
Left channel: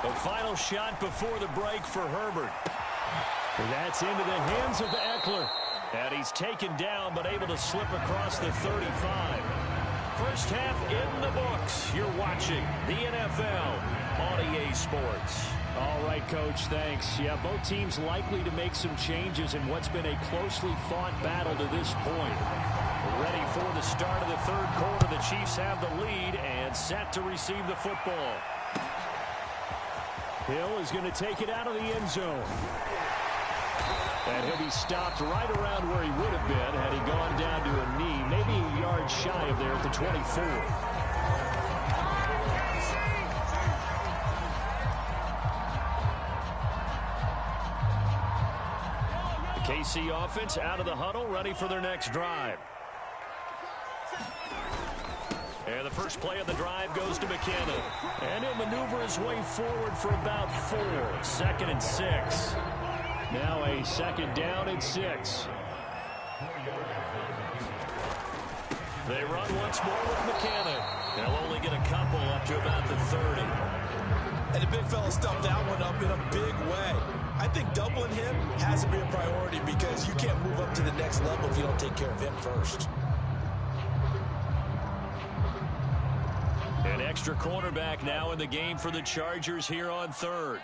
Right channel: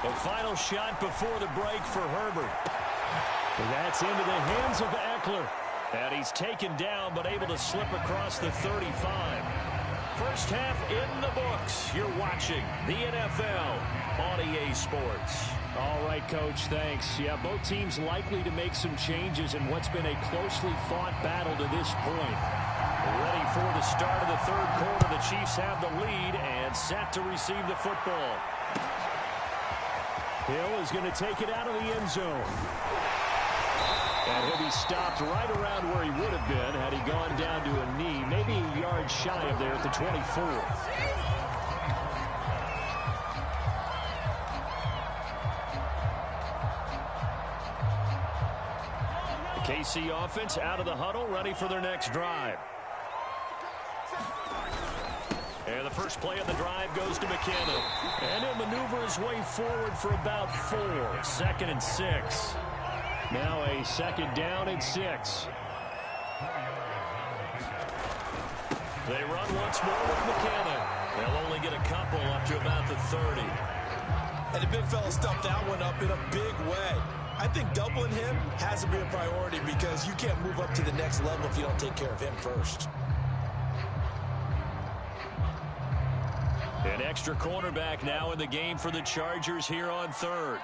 The final shot before the break for Herbert. And that's into the hands of Eckler. And he's taken down but able to slip across the 35. First half in the books. You're watching the NFL on EA Sports. All right, Coach, thanks. Yeah, both teams likely to make some changes in what's been a closely fought battle to this point. Ready for the start of the third quarter. The Chiefs have the lead and set to receive the football. Hill is going to take it out of the end zone. And he'll be stopped right around where he would have been had he gone down to a knee, maybe a yard shy of there at the 24. KC offense out of the huddle, ready for their next drive. And the first play of the drive goes to McKinnon. And he'll maneuver his way forward for about 4. 2nd and 6. Now a 2nd down and 6. They run once more with McKinnon. They'll only get a couple up to about the 30. And the big fella stuffed that one up in a big way. I think doubling him has to be a priority because you can't move up to the next level if you don't take care of him first. An extra cornerback now in the game for the Chargers here on 3rd.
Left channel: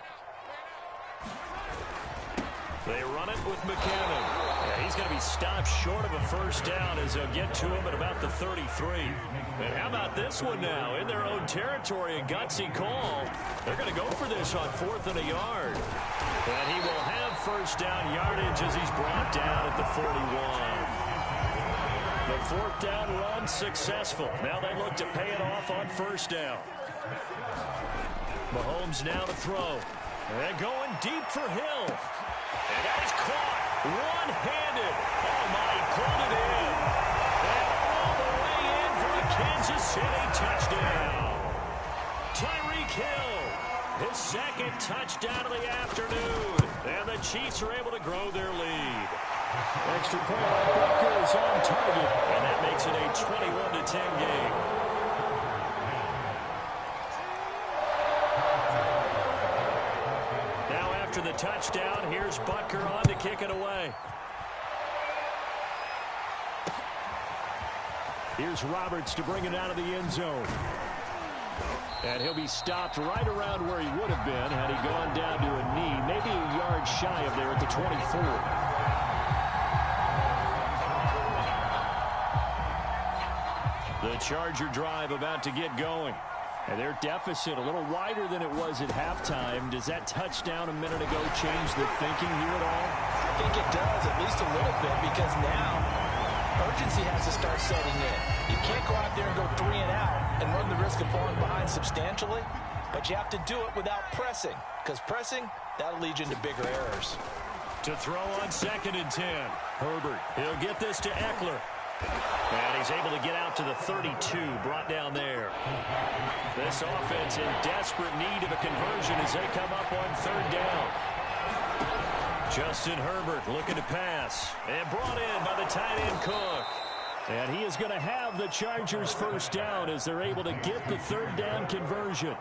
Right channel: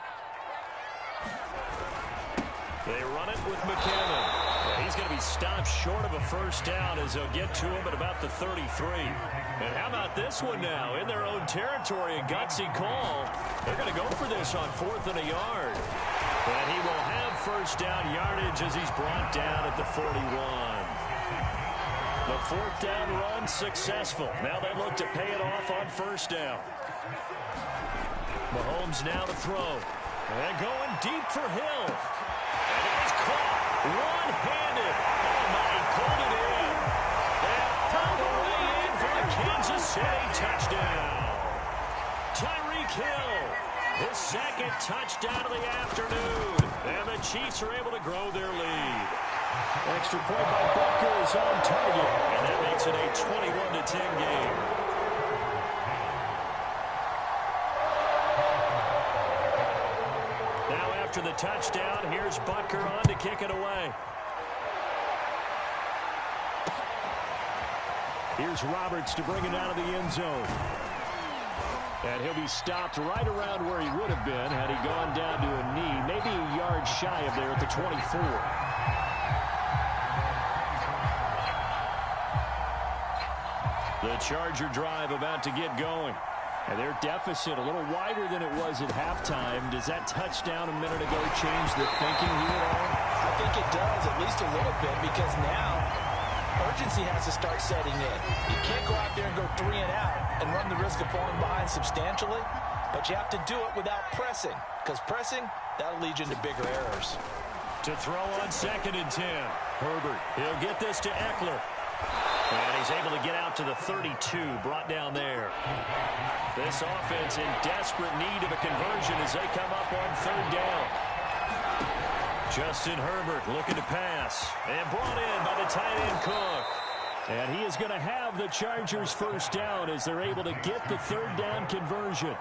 They run it with McKinnon. Yeah, he's going to be stopped short of a first down as they'll get to him at about the 33. And how about this one now? In their own territory, a gutsy call. They're going to go for this on 4th and a yard. And he will have first down yardage as he's brought down at the 41. The 4th down run successful. Now they look to pay it off on first down. Mahomes now to throw. And going deep for Hill. And that is caught one-handed. Oh, my, he pulled it in. And all the way in for a Kansas City touchdown. Tyreek Hill, his 2nd touchdown of the afternoon. And the Chiefs are able to grow their lead. Extra point by Butker is on target. And that makes it a 21-10 game. Now after the touchdown, here's Butker on to kick it away. Here's Roberts to bring it out of the end zone. And he'll be stopped right around where he would have been had he gone down to a knee, maybe a yard shy of there at the 24. The Charger drive about to get going. And their deficit a little wider than it was at halftime. Does that touchdown a minute ago change the thinking here at all? I think it does, at least a little bit, because now urgency has to start setting in. You can't go out there and go 3 and out and run the risk of falling behind substantially, but you have to do it without pressing, because pressing, that'll lead you into bigger errors. To throw on 2nd and 10. Herbert, he'll get this to Eckler. And he's able to get out to the 32, brought down there. This offense in desperate need of a conversion as they come up on 3rd down. Justin Herbert looking to pass. And brought in by the tight end Cook. And he is going to have the Chargers first down as they're able to get the 3rd down conversion.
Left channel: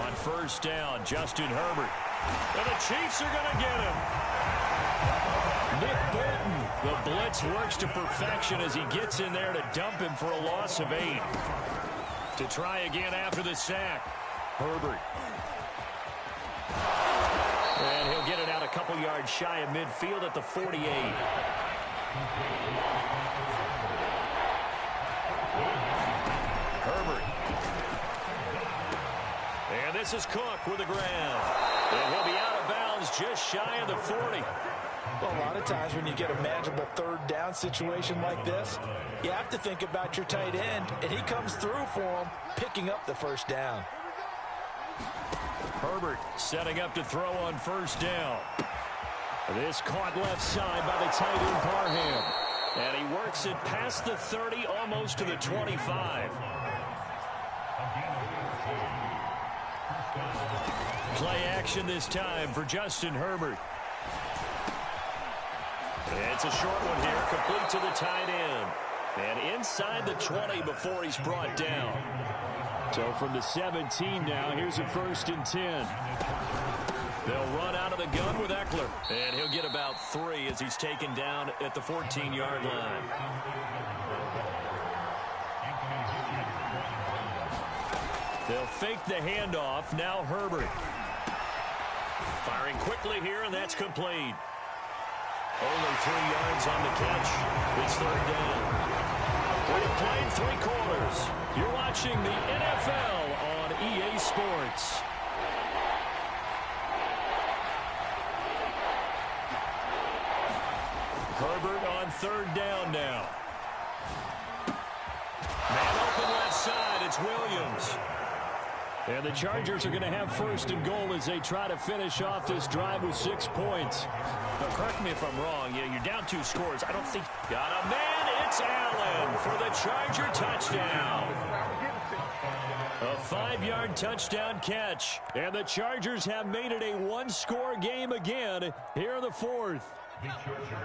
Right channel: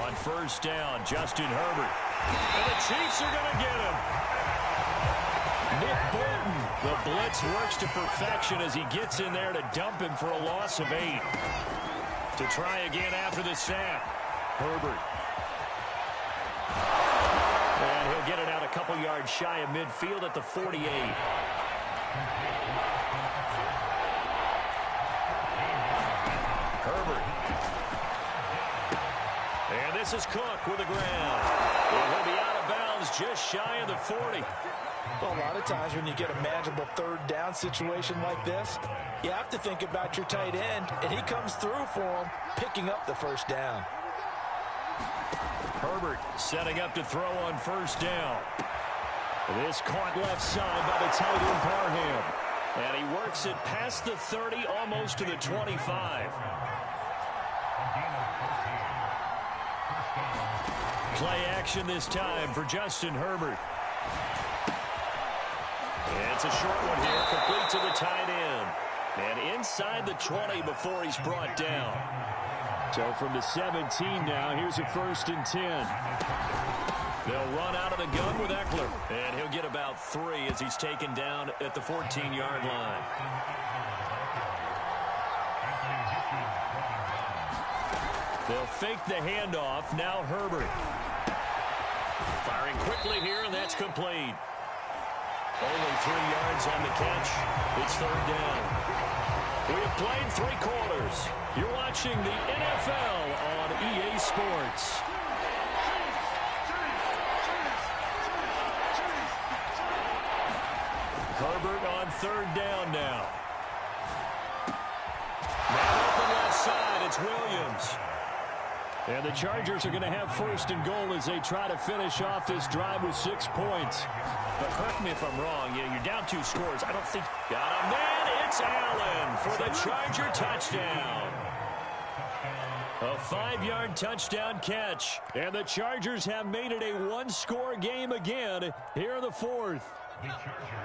On first down, Justin Herbert. And the Chiefs are going to get him. Nick Bolton, the blitz works to perfection as he gets in there to dump him for a loss of 8. To try again after the sack. Herbert. And he'll get it out a couple yards shy of midfield at the 48. Herbert. And this is Cook with the ground. And he'll be out of bounds just shy of the 40. Well, a lot of times when you get a manageable 3rd down situation like this, you have to think about your tight end, and he comes through for him, picking up the first down. Herbert setting up to throw on first down. This caught left side by the tight end Parham. And he works it past the 30, almost to the 25. Play action this time for Justin Herbert. It's a short one here, complete to the tight end. And inside the 20 before he's brought down. So from the 17 now, here's a 1st and 10. They'll run out of the gun with Eckler. And he'll get about 3 as he's taken down at the 14-yard line. They'll fake the handoff. Now Herbert. Firing quickly here, and that's complete. Only 3 yards on the catch. It's 3rd down. We have played 3 quarters. You're watching the NFL on EA Sports. Herbert on 3rd down now. Man open left side. It's Williams. And the Chargers are going to have 1st and goal as they try to finish off this drive with 6 points. But correct me if I'm wrong. Yeah, you're down 2 scores. I don't think... Got a man. It's Allen for the Charger touchdown. A 5-yard touchdown catch. And the Chargers have made it a 1-score game again here in the 4th.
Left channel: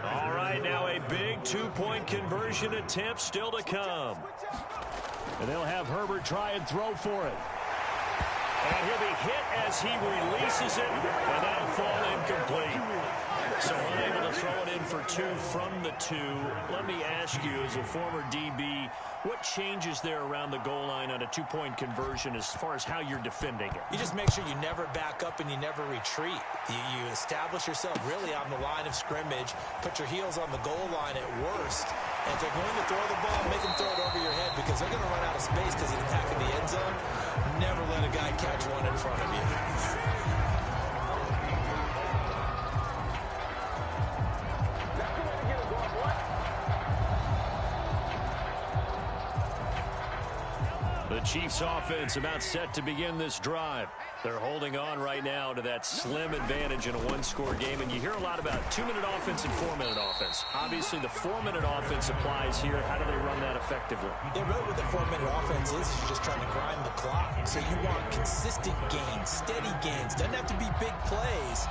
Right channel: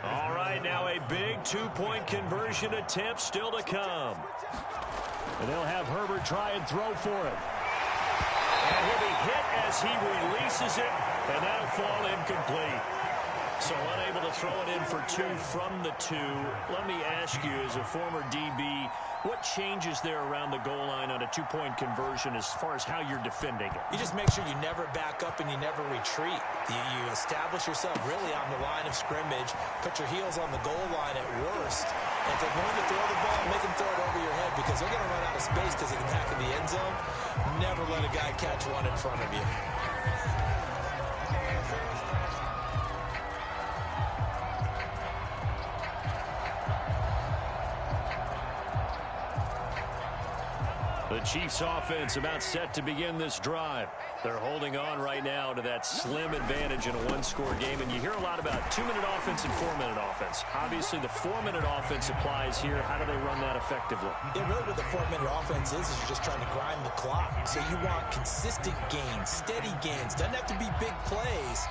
All right, now a big 2-point conversion attempt still to come. And they'll have Herbert try and throw for it. And he'll be hit as he releases it, and that'll fall incomplete. So unable to throw it in for 2 from the 2. Let me ask you, as a former DB, what changes there around the goal line on a 2-point conversion as far as how you're defending it? You just make sure you never back up and you never retreat. You establish yourself really on the line of scrimmage, put your heels on the goal line at worst, and if they're going to throw the ball, make them throw it over your head because they're going to run out of space because of the back of the end zone. Never let a guy catch one in front of you. The Chiefs offense about set to begin this drive. They're holding on right now to that slim advantage in a 1-score game. And you hear a lot about 2-minute offense and 4-minute offense. Obviously, the 4-minute offense applies here. How do they run that effectively? Yeah, really what the 4-minute offense is you're just trying to grind the clock. So you want consistent gains, steady gains. Doesn't have to be big plays,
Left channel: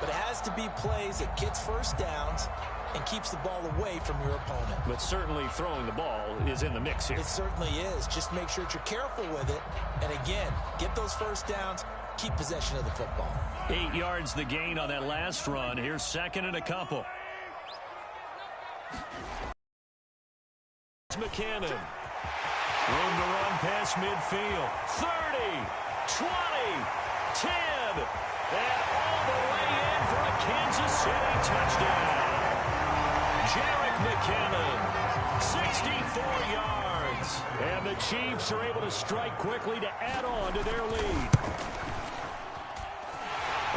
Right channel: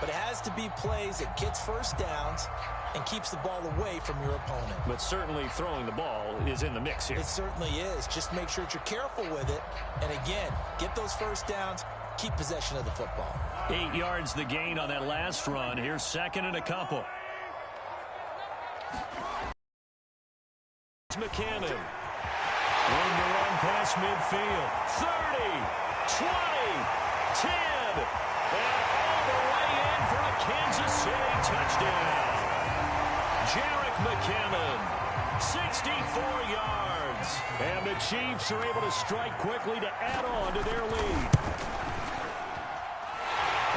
but it has to be plays that gets first downs and keeps the ball away from your opponent. But certainly throwing the ball is in the mix here. It certainly is. Just make sure that you're careful with it. And again, get those first downs, keep possession of the football. 8 yards the gain on that last run. Here's 2nd and a couple. It's McKinnon. Room to run past midfield. 30, 20, 10, and all the way in for a Kansas City touchdown. Jerick McKinnon, 64 yards. And the Chiefs are able to strike quickly to add on to their lead.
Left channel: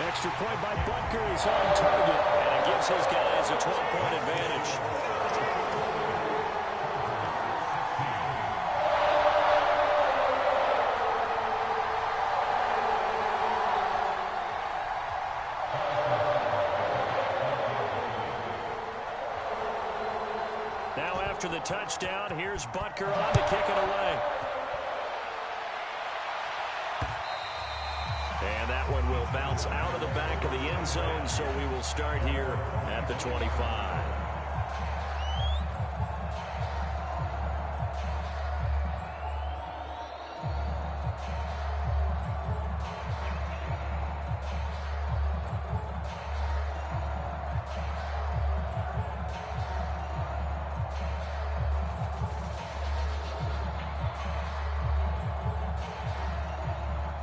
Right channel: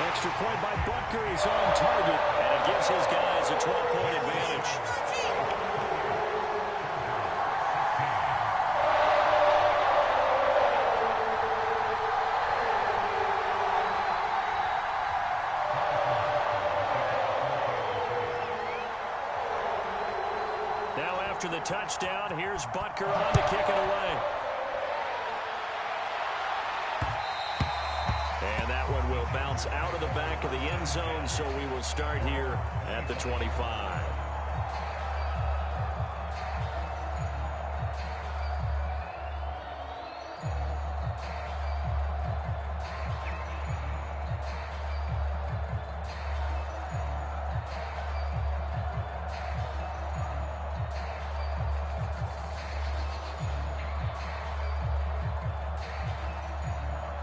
Extra point by Butker is on target. And it gives his guys a 12-point advantage. Now after the touchdown, here's Butker on to kick it away. And that one will bounce out of the back of the end zone, so we will start here at the 25.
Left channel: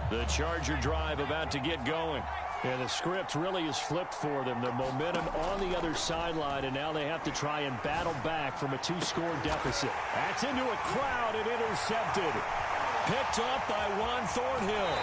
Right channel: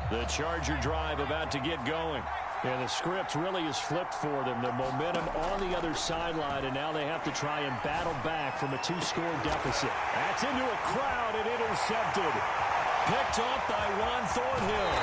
The Charger drive about to get going. And the script really is flipped for them. The momentum on the other sideline, and now they have to try and battle back from a 2-score deficit. That's into a crowd and intercepted. Picked up by Juan Thornhill.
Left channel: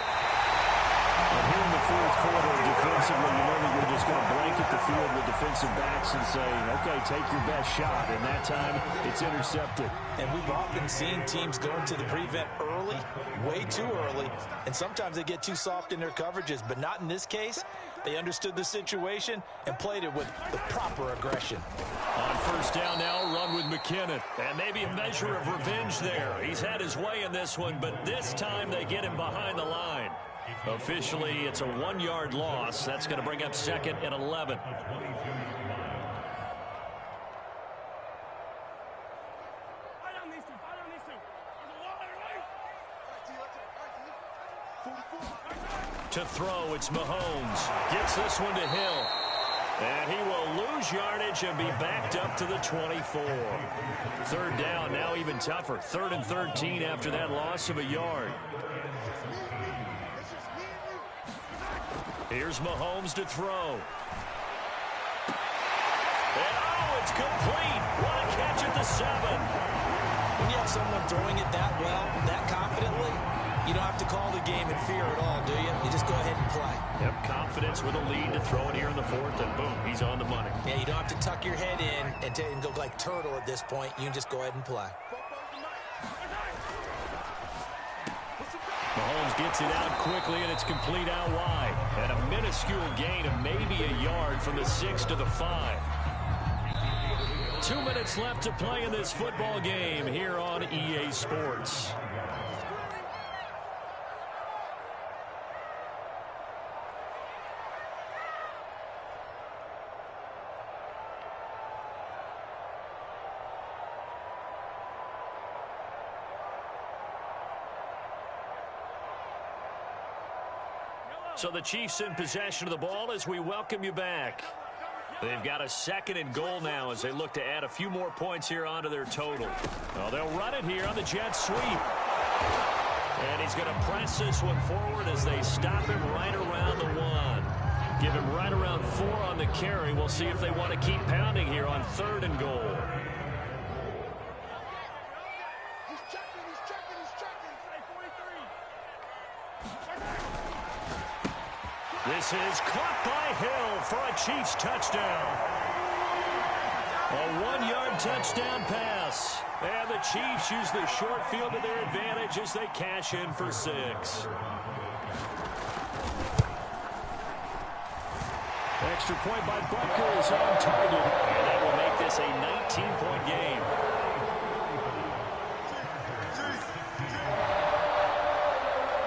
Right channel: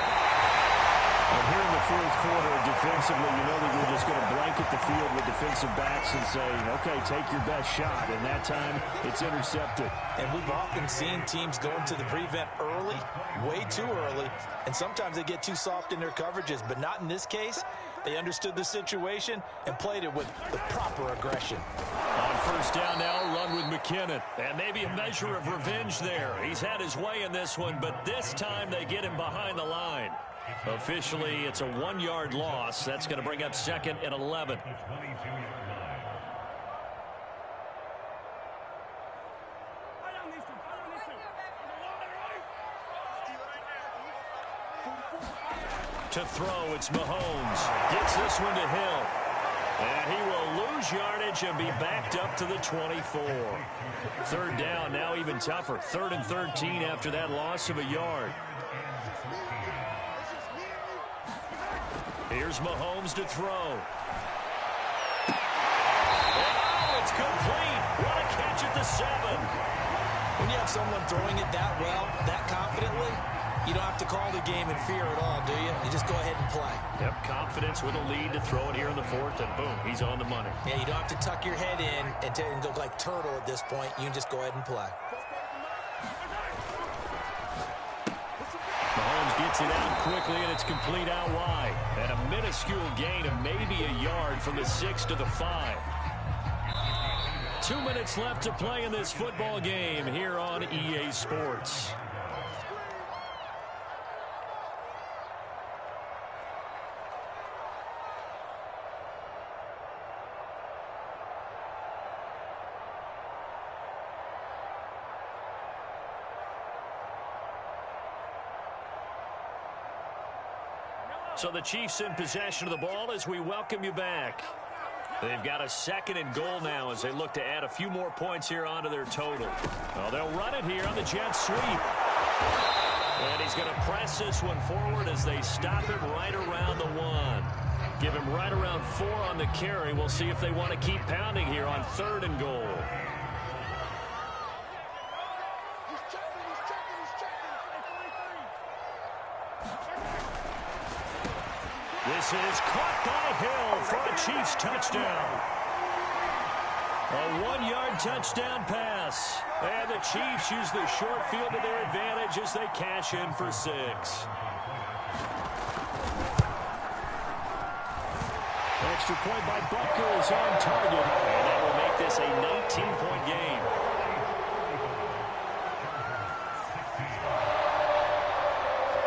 And here in the 4th quarter, defensively, you know that you're just going to blanket the field with defensive backs and say, okay, take your best shot. And that time, it's intercepted. And we've often seen teams go into the prevent early, way too early, and sometimes they get too soft in their coverages, but not in this case. They understood the situation and played it with the proper aggression. On 1st down now, run with McKinnon. And maybe a measure of revenge there. He's had his way in this one, but this time they get him behind the line. Officially, it's a 1-yard loss. That's going to bring up 2nd and 11. To throw, it's Mahomes. Gets this one to Hill. And he will lose yardage and be backed up to the 24. Third down, now even tougher. 3rd and 13 after that loss of a yard. Here's Mahomes to throw. And oh, it's complete. What a catch at the 7. When you have someone throwing it that well, that confidently, you don't have to call the game in fear at all, do you? You just go ahead and play. Yep, confidence with a lead to throw it here in the 4th, and boom, he's on the money. Yeah, you don't have to tuck your head in and go like turtle at this point. You can just go ahead and play. Mahomes gets it out quickly, and it's complete out wide. And a minuscule gain of maybe a yard from the 6 to the 5. 2 minutes left to play in this football game here on EA Sports. So the Chiefs in possession of the ball as we welcome you back. They've got a 2nd and goal now as they look to add a few more points here onto their total. Well, they'll run it here on the jet sweep. And he's going to press this one forward as they stop him right around the 1. Give him right around 4 on the carry. We'll see if they want to keep pounding here on 3rd and goal. This is caught by Hill for a Chiefs touchdown. A 1-yard touchdown pass. And the Chiefs use the short field to their advantage as they cash in for 6. Extra point by Butker is on target. And that will make this a 19-point game.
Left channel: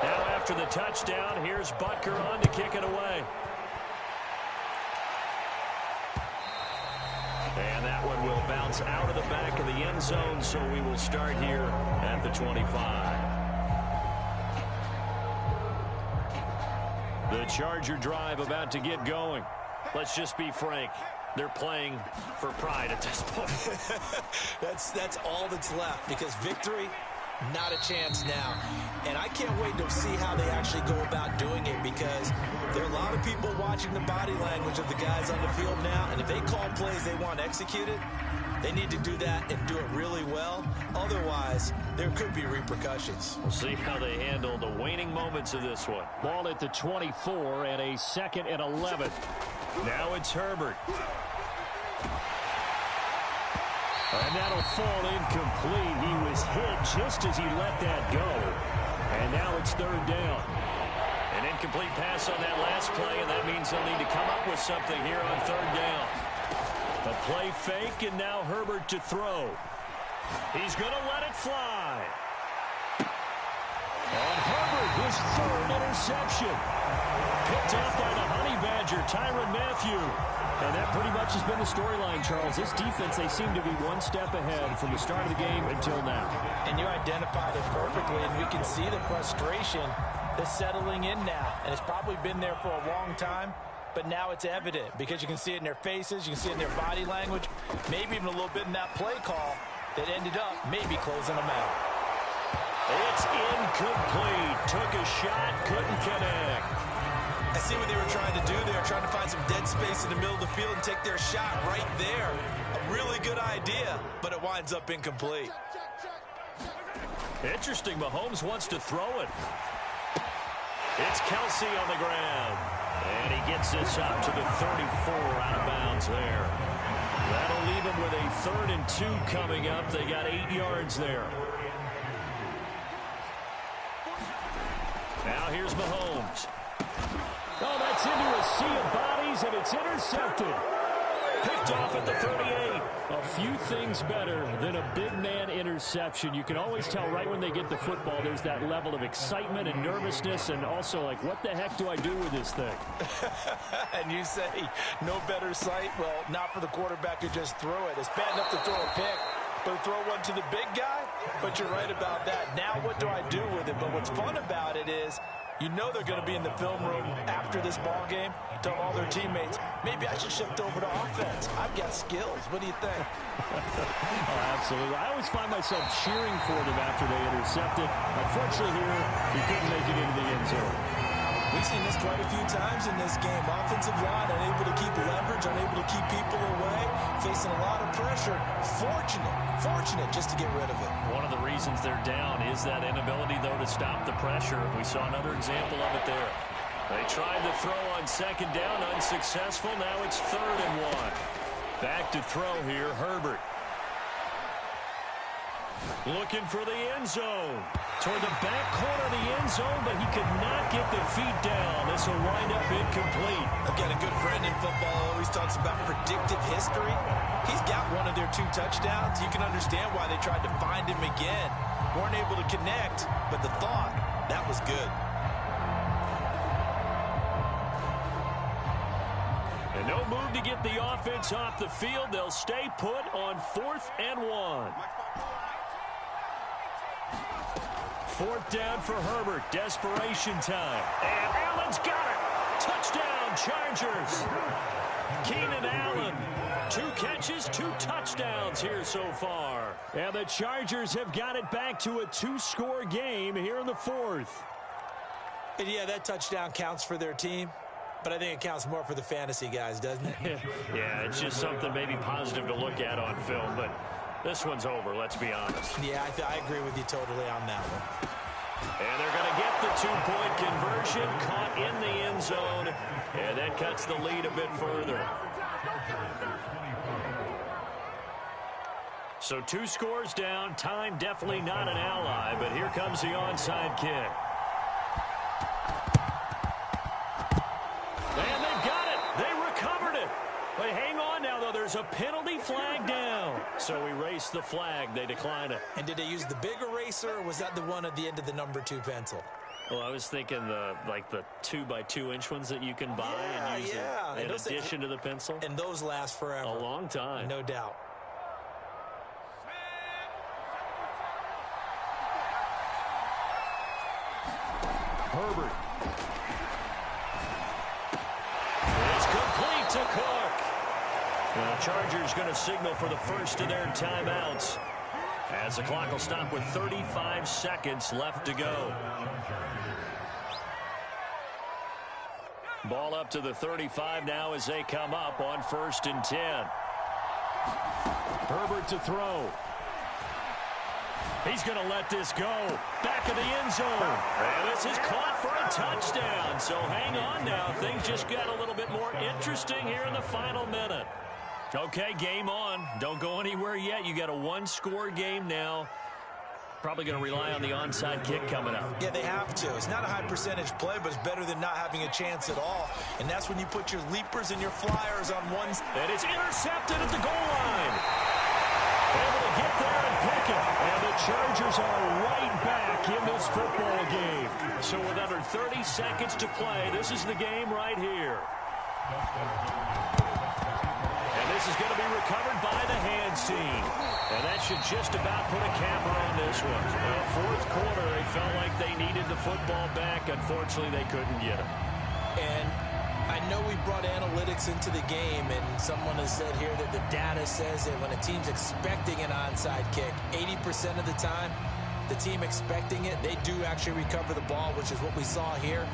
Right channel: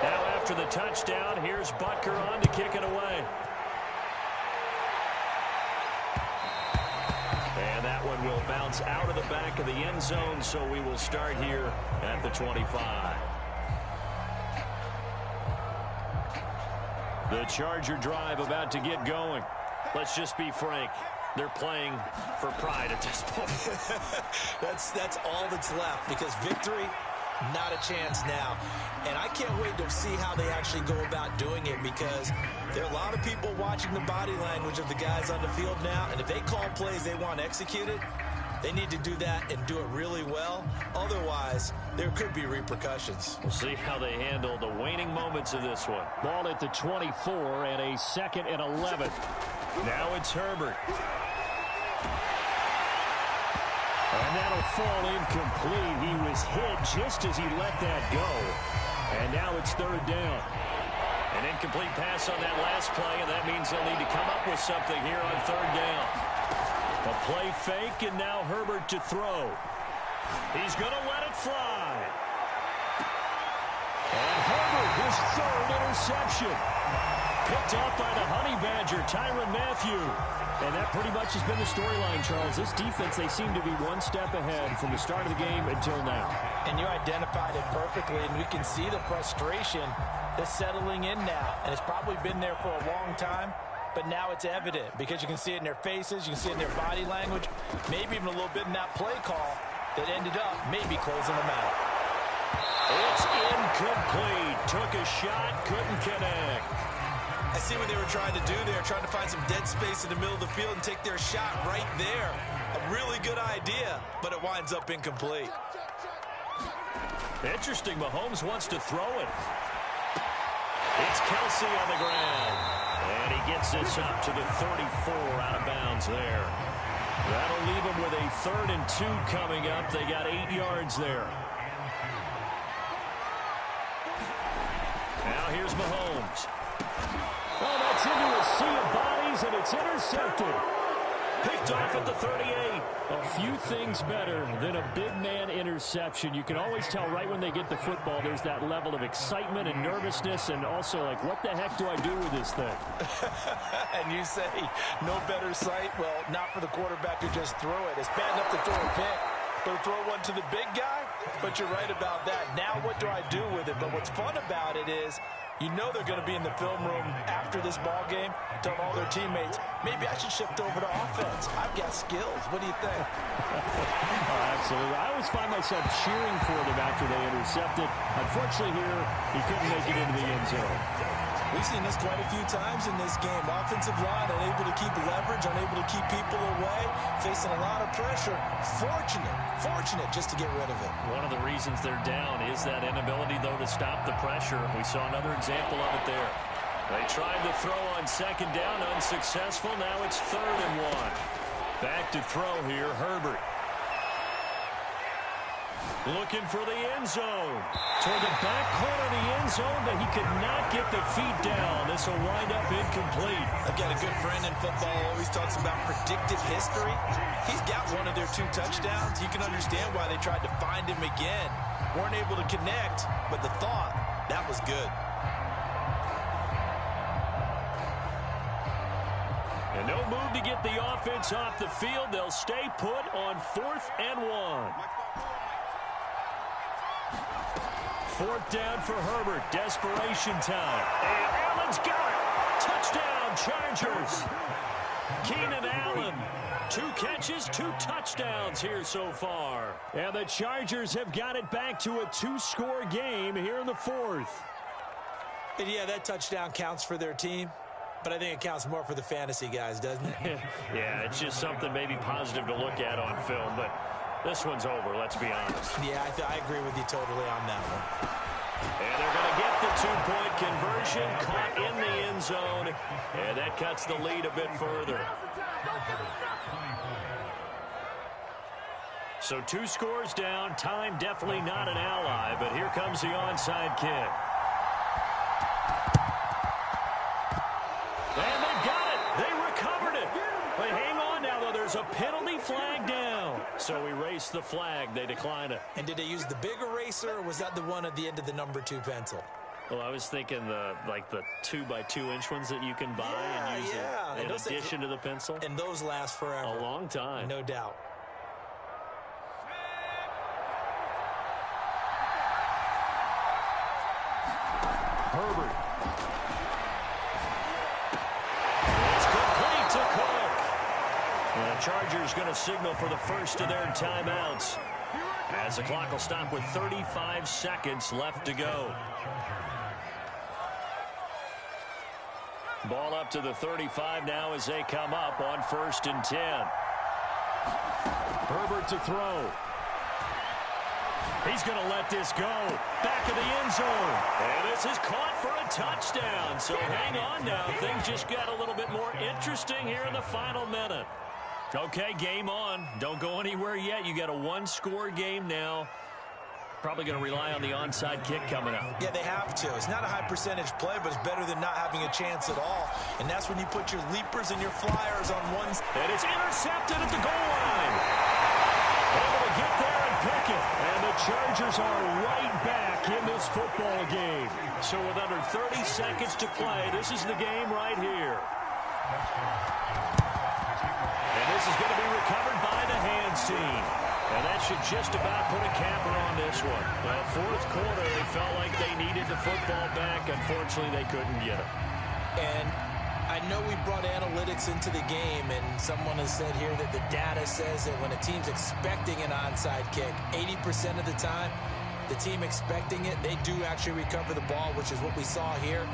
Now after the touchdown, here's Butker on to kick it away. And that one will bounce out of the back of the end zone, so we will start here at the 25. The Charger drive about to get going. Let's just be frank. They're playing for pride at this point. That's all that's left, because victory, not a chance now. And I can't wait to see how they actually go about doing it, because there are a lot of people watching the body language of the guys on the field now, and if they call plays they want executed, they need to do that and do it really well. Otherwise, there could be repercussions. We'll see how they handle the waning moments of this one. Ball at the 24 and a 2nd and 11. Now it's Herbert. And that'll fall incomplete. He was hit just as he let that go. And now it's 3rd down. An incomplete pass on that last play, and that means they'll need to come up with something here on 3rd down. A play fake, and now Herbert to throw. He's going to let it fly. And Herbert, his 3rd interception. Picked off by the Honey Badger, Tyrann Mathieu. And that pretty much has been the storyline, Charles. This defense, they seem to be one step ahead from the start of the game until now. And you identified it perfectly, and we can see the frustration that's settling in now. And it's probably been there for a long time, but now it's evident because you can see it in their faces, you can see it in their body language, maybe even a little bit in that play call that ended up maybe closing them out. It's incomplete. Took a shot, couldn't connect. I see what they were trying to do there, trying to find some dead space in the middle of the field and take their shot right there. A really good idea, but it winds up incomplete. Interesting, Mahomes wants to throw it. It's Kelsey on the ground. And he gets this up to the 34 out of bounds there. That'll leave him with a 3rd and 2 coming up. They got 8 yards there. Now here's Mahomes. Oh, that's into a sea of bodies, and it's intercepted. Picked off at the 38. A few things better than a big man interception. You can always tell right when they get the football, there's that level of excitement and nervousness, and also like, what the heck do I do with this thing? And you say, no better sight? Well, not for the quarterback who just threw it. It's bad enough to throw a pick, but to throw one to the big guy? But you're right about that. Now what do I do with it? But what's fun about it is You know they're going to be in the film room after this ball game, telling all their teammates, maybe I should shift over to offense. I've got skills. What do you think? Oh, absolutely. I always find myself cheering for them after they intercept it. Unfortunately here, he couldn't make it into the end zone. We've seen this quite a few times in this game. Offensive line unable to keep leverage, unable to keep people away, facing a lot of pressure. Fortunate just to get rid of it. One of the reasons they're down is that inability, though, to stop the pressure. We saw another example of it there. They tried to throw on second down, unsuccessful. Now it's 3rd and 1. Back to throw here, Herbert. Looking for the end zone. Toward the back corner of the end zone, but he could not get the feet down. This will wind up incomplete. Again, a good friend in football always talks about predictive history. He's got one of their 2 touchdowns. You can understand why they tried to find him again. Weren't able to connect, but the thought, that was good. And no move to get the offense off the field. They'll stay put on 4th and 1. 4th down for Herbert. Desperation time. And Allen's got it. Touchdown, Chargers. Keenan Allen. 2 catches, 2 touchdowns here so far. And the Chargers have got it back to a 2-score game here in the 4th. And yeah, that touchdown counts for their team. But I think it counts more for the fantasy guys, doesn't it? Yeah, it's just something maybe positive to look at on film. But this one's over, let's be honest. Yeah, I agree with you totally on that one. And they're going to get the 2-point conversion, caught in the end zone, and that cuts the lead a bit further. So 2 scores down, time definitely not an ally, but here comes the onside kick. And they've got it. They recovered it. But hang on now, though. There's a penalty flag down. So erase the flag. They decline it. And did they use the big eraser, or was that the one at the end of the number 2 pencil? Well, I was thinking the 2x2-inch ones that you can buy and use in addition to the pencil. And those last forever. A long time. No doubt. Herbert. It's complete to Cook. The Chargers going to signal for the first of their timeouts, as the clock will stop with 35 seconds left to go. Ball up to the 35 now as they come up on 1st and 10. Herbert to throw. He's going to let this go. Back of the end zone. And this is caught for a touchdown. So hang on now. Things just got a little bit more interesting here in the final minute. Okay, game on. Don't go anywhere yet. You got a 1-score game now. Probably going to rely on the onside kick coming up. Yeah, they have to. It's not a high percentage play, but it's better than not having a chance at all. And that's when you put your leapers and your flyers on one. And it's intercepted at the goal line. Able to get there and pick it. And the Chargers are right back in this football game. So with under 30 seconds to play, this is the game right here. And this is going to be recovered by the hands team. And that should just about put a capper on this one. Well, 4th quarter, they felt like they needed the football back. Unfortunately, they couldn't get it. And I know we brought analytics into the game, and someone has said here that the data says that when a team's expecting an onside kick, 80% of the time, the team expecting it, they do actually recover the ball, which is what we saw here.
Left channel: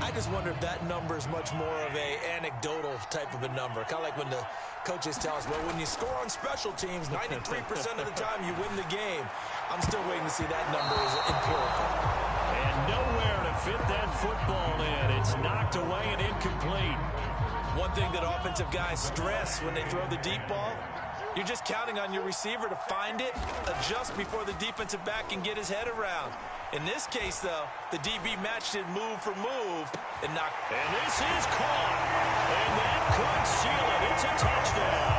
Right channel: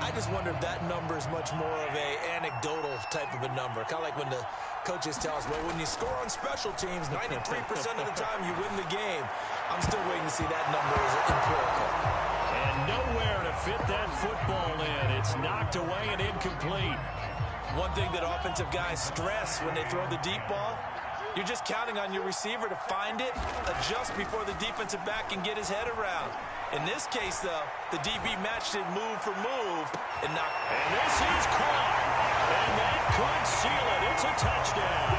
I just wonder if that number is much more of a anecdotal type of a number. Kind of like when the coaches tell us, well, when you score on special teams, 93% of the time you win the game. I'm still waiting to see that number is empirical. And nowhere to fit that football in. It's knocked away and incomplete. One thing that offensive guys stress when they throw the deep ball, you're just counting on your receiver to find it, adjust before the defensive back can get his head around. In this case, though, the DB matched it move for move and knocked. And this is caught. And that could seal it. It's a touchdown.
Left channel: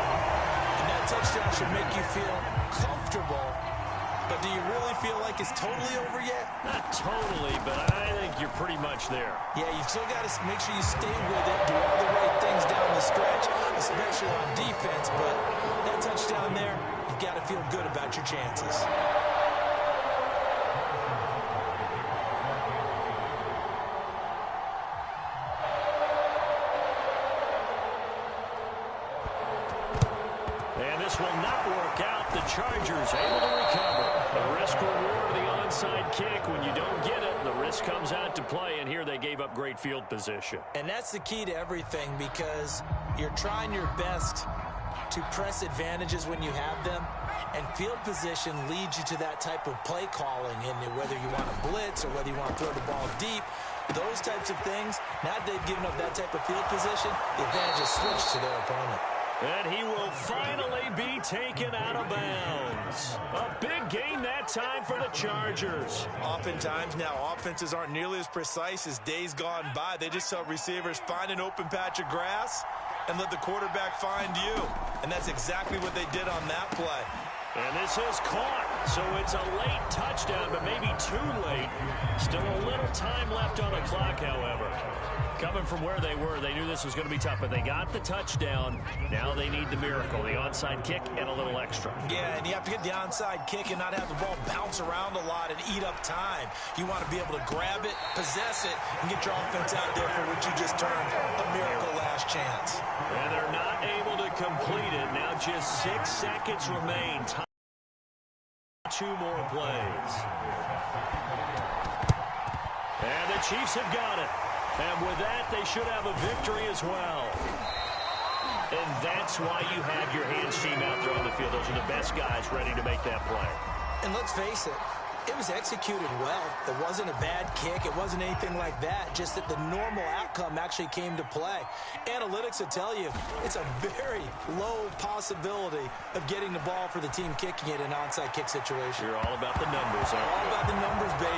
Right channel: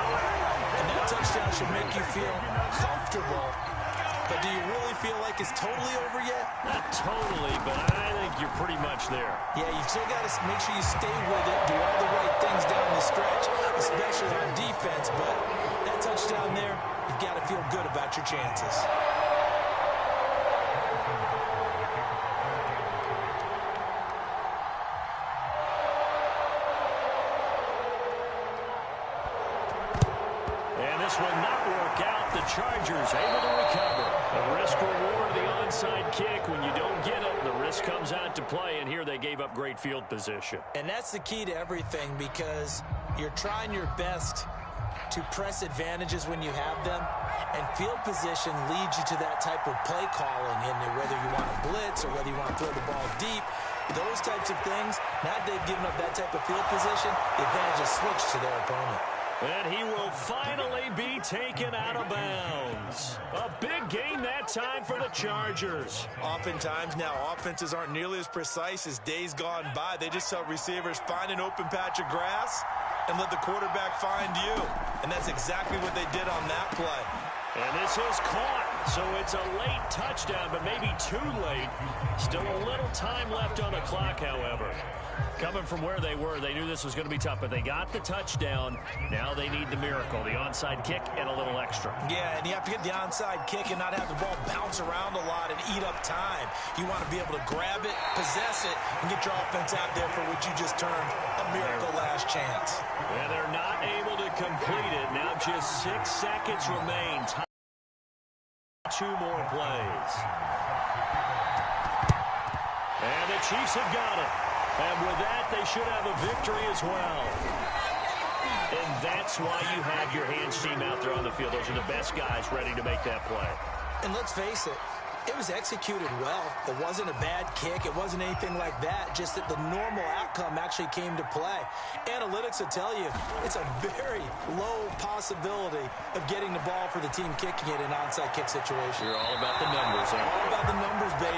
And that touchdown should make you feel comfortable. But do you really feel like it's totally over yet? Not totally, but I think you're pretty much there. Yeah, you've still got to make sure you stay with it, do all the right things down the stretch, especially on defense. But that touchdown there, you've got to feel good about your chances. And this will not work out. The Chargers able to recover. The risk-reward of the onside kick. When you don't get it, the risk comes out to play, and here they gave up great field position. And that's the key to everything, because you're trying your best to press advantages when you have them, and field position leads you to that type of play calling, and whether you want to blitz or whether you want to throw the ball deep, those types of things. Now that they've given up that type of field position, the advantage is switched to their opponent. And he will finally be taken out of bounds. A big gain that time for the Chargers. Oftentimes now, offenses aren't nearly as precise as days gone by. They just help receivers find an open patch of grass and let the quarterback find you. And that's exactly what they did on that play. And this is caught, so it's a late touchdown, but maybe too late. Still a little time left on the clock, however. Coming from where they were, they knew this was going to be tough, but they got the touchdown. Now they need the miracle, the onside kick and a little extra. Yeah, and you have to get the onside kick and not have the ball bounce around a lot and eat up time. You want to be able to grab it, possess it, and get your offense out there for what you just termed a miracle last chance. And they're not able to complete it. Now just 6 seconds remain. 2 more plays. And the Chiefs have got it. And with that, they should have a victory as well. And that's why you have your hands team out there on the field. Those are the best guys ready to make that play. And let's face it, it was executed well. It wasn't a bad kick. It wasn't anything like that. Just that the normal outcome actually came to play. Analytics will tell you it's a very low possibility of getting the ball for the team kicking it in an onside kick situation. You're all about the numbers, aren't you? All about the numbers, baby.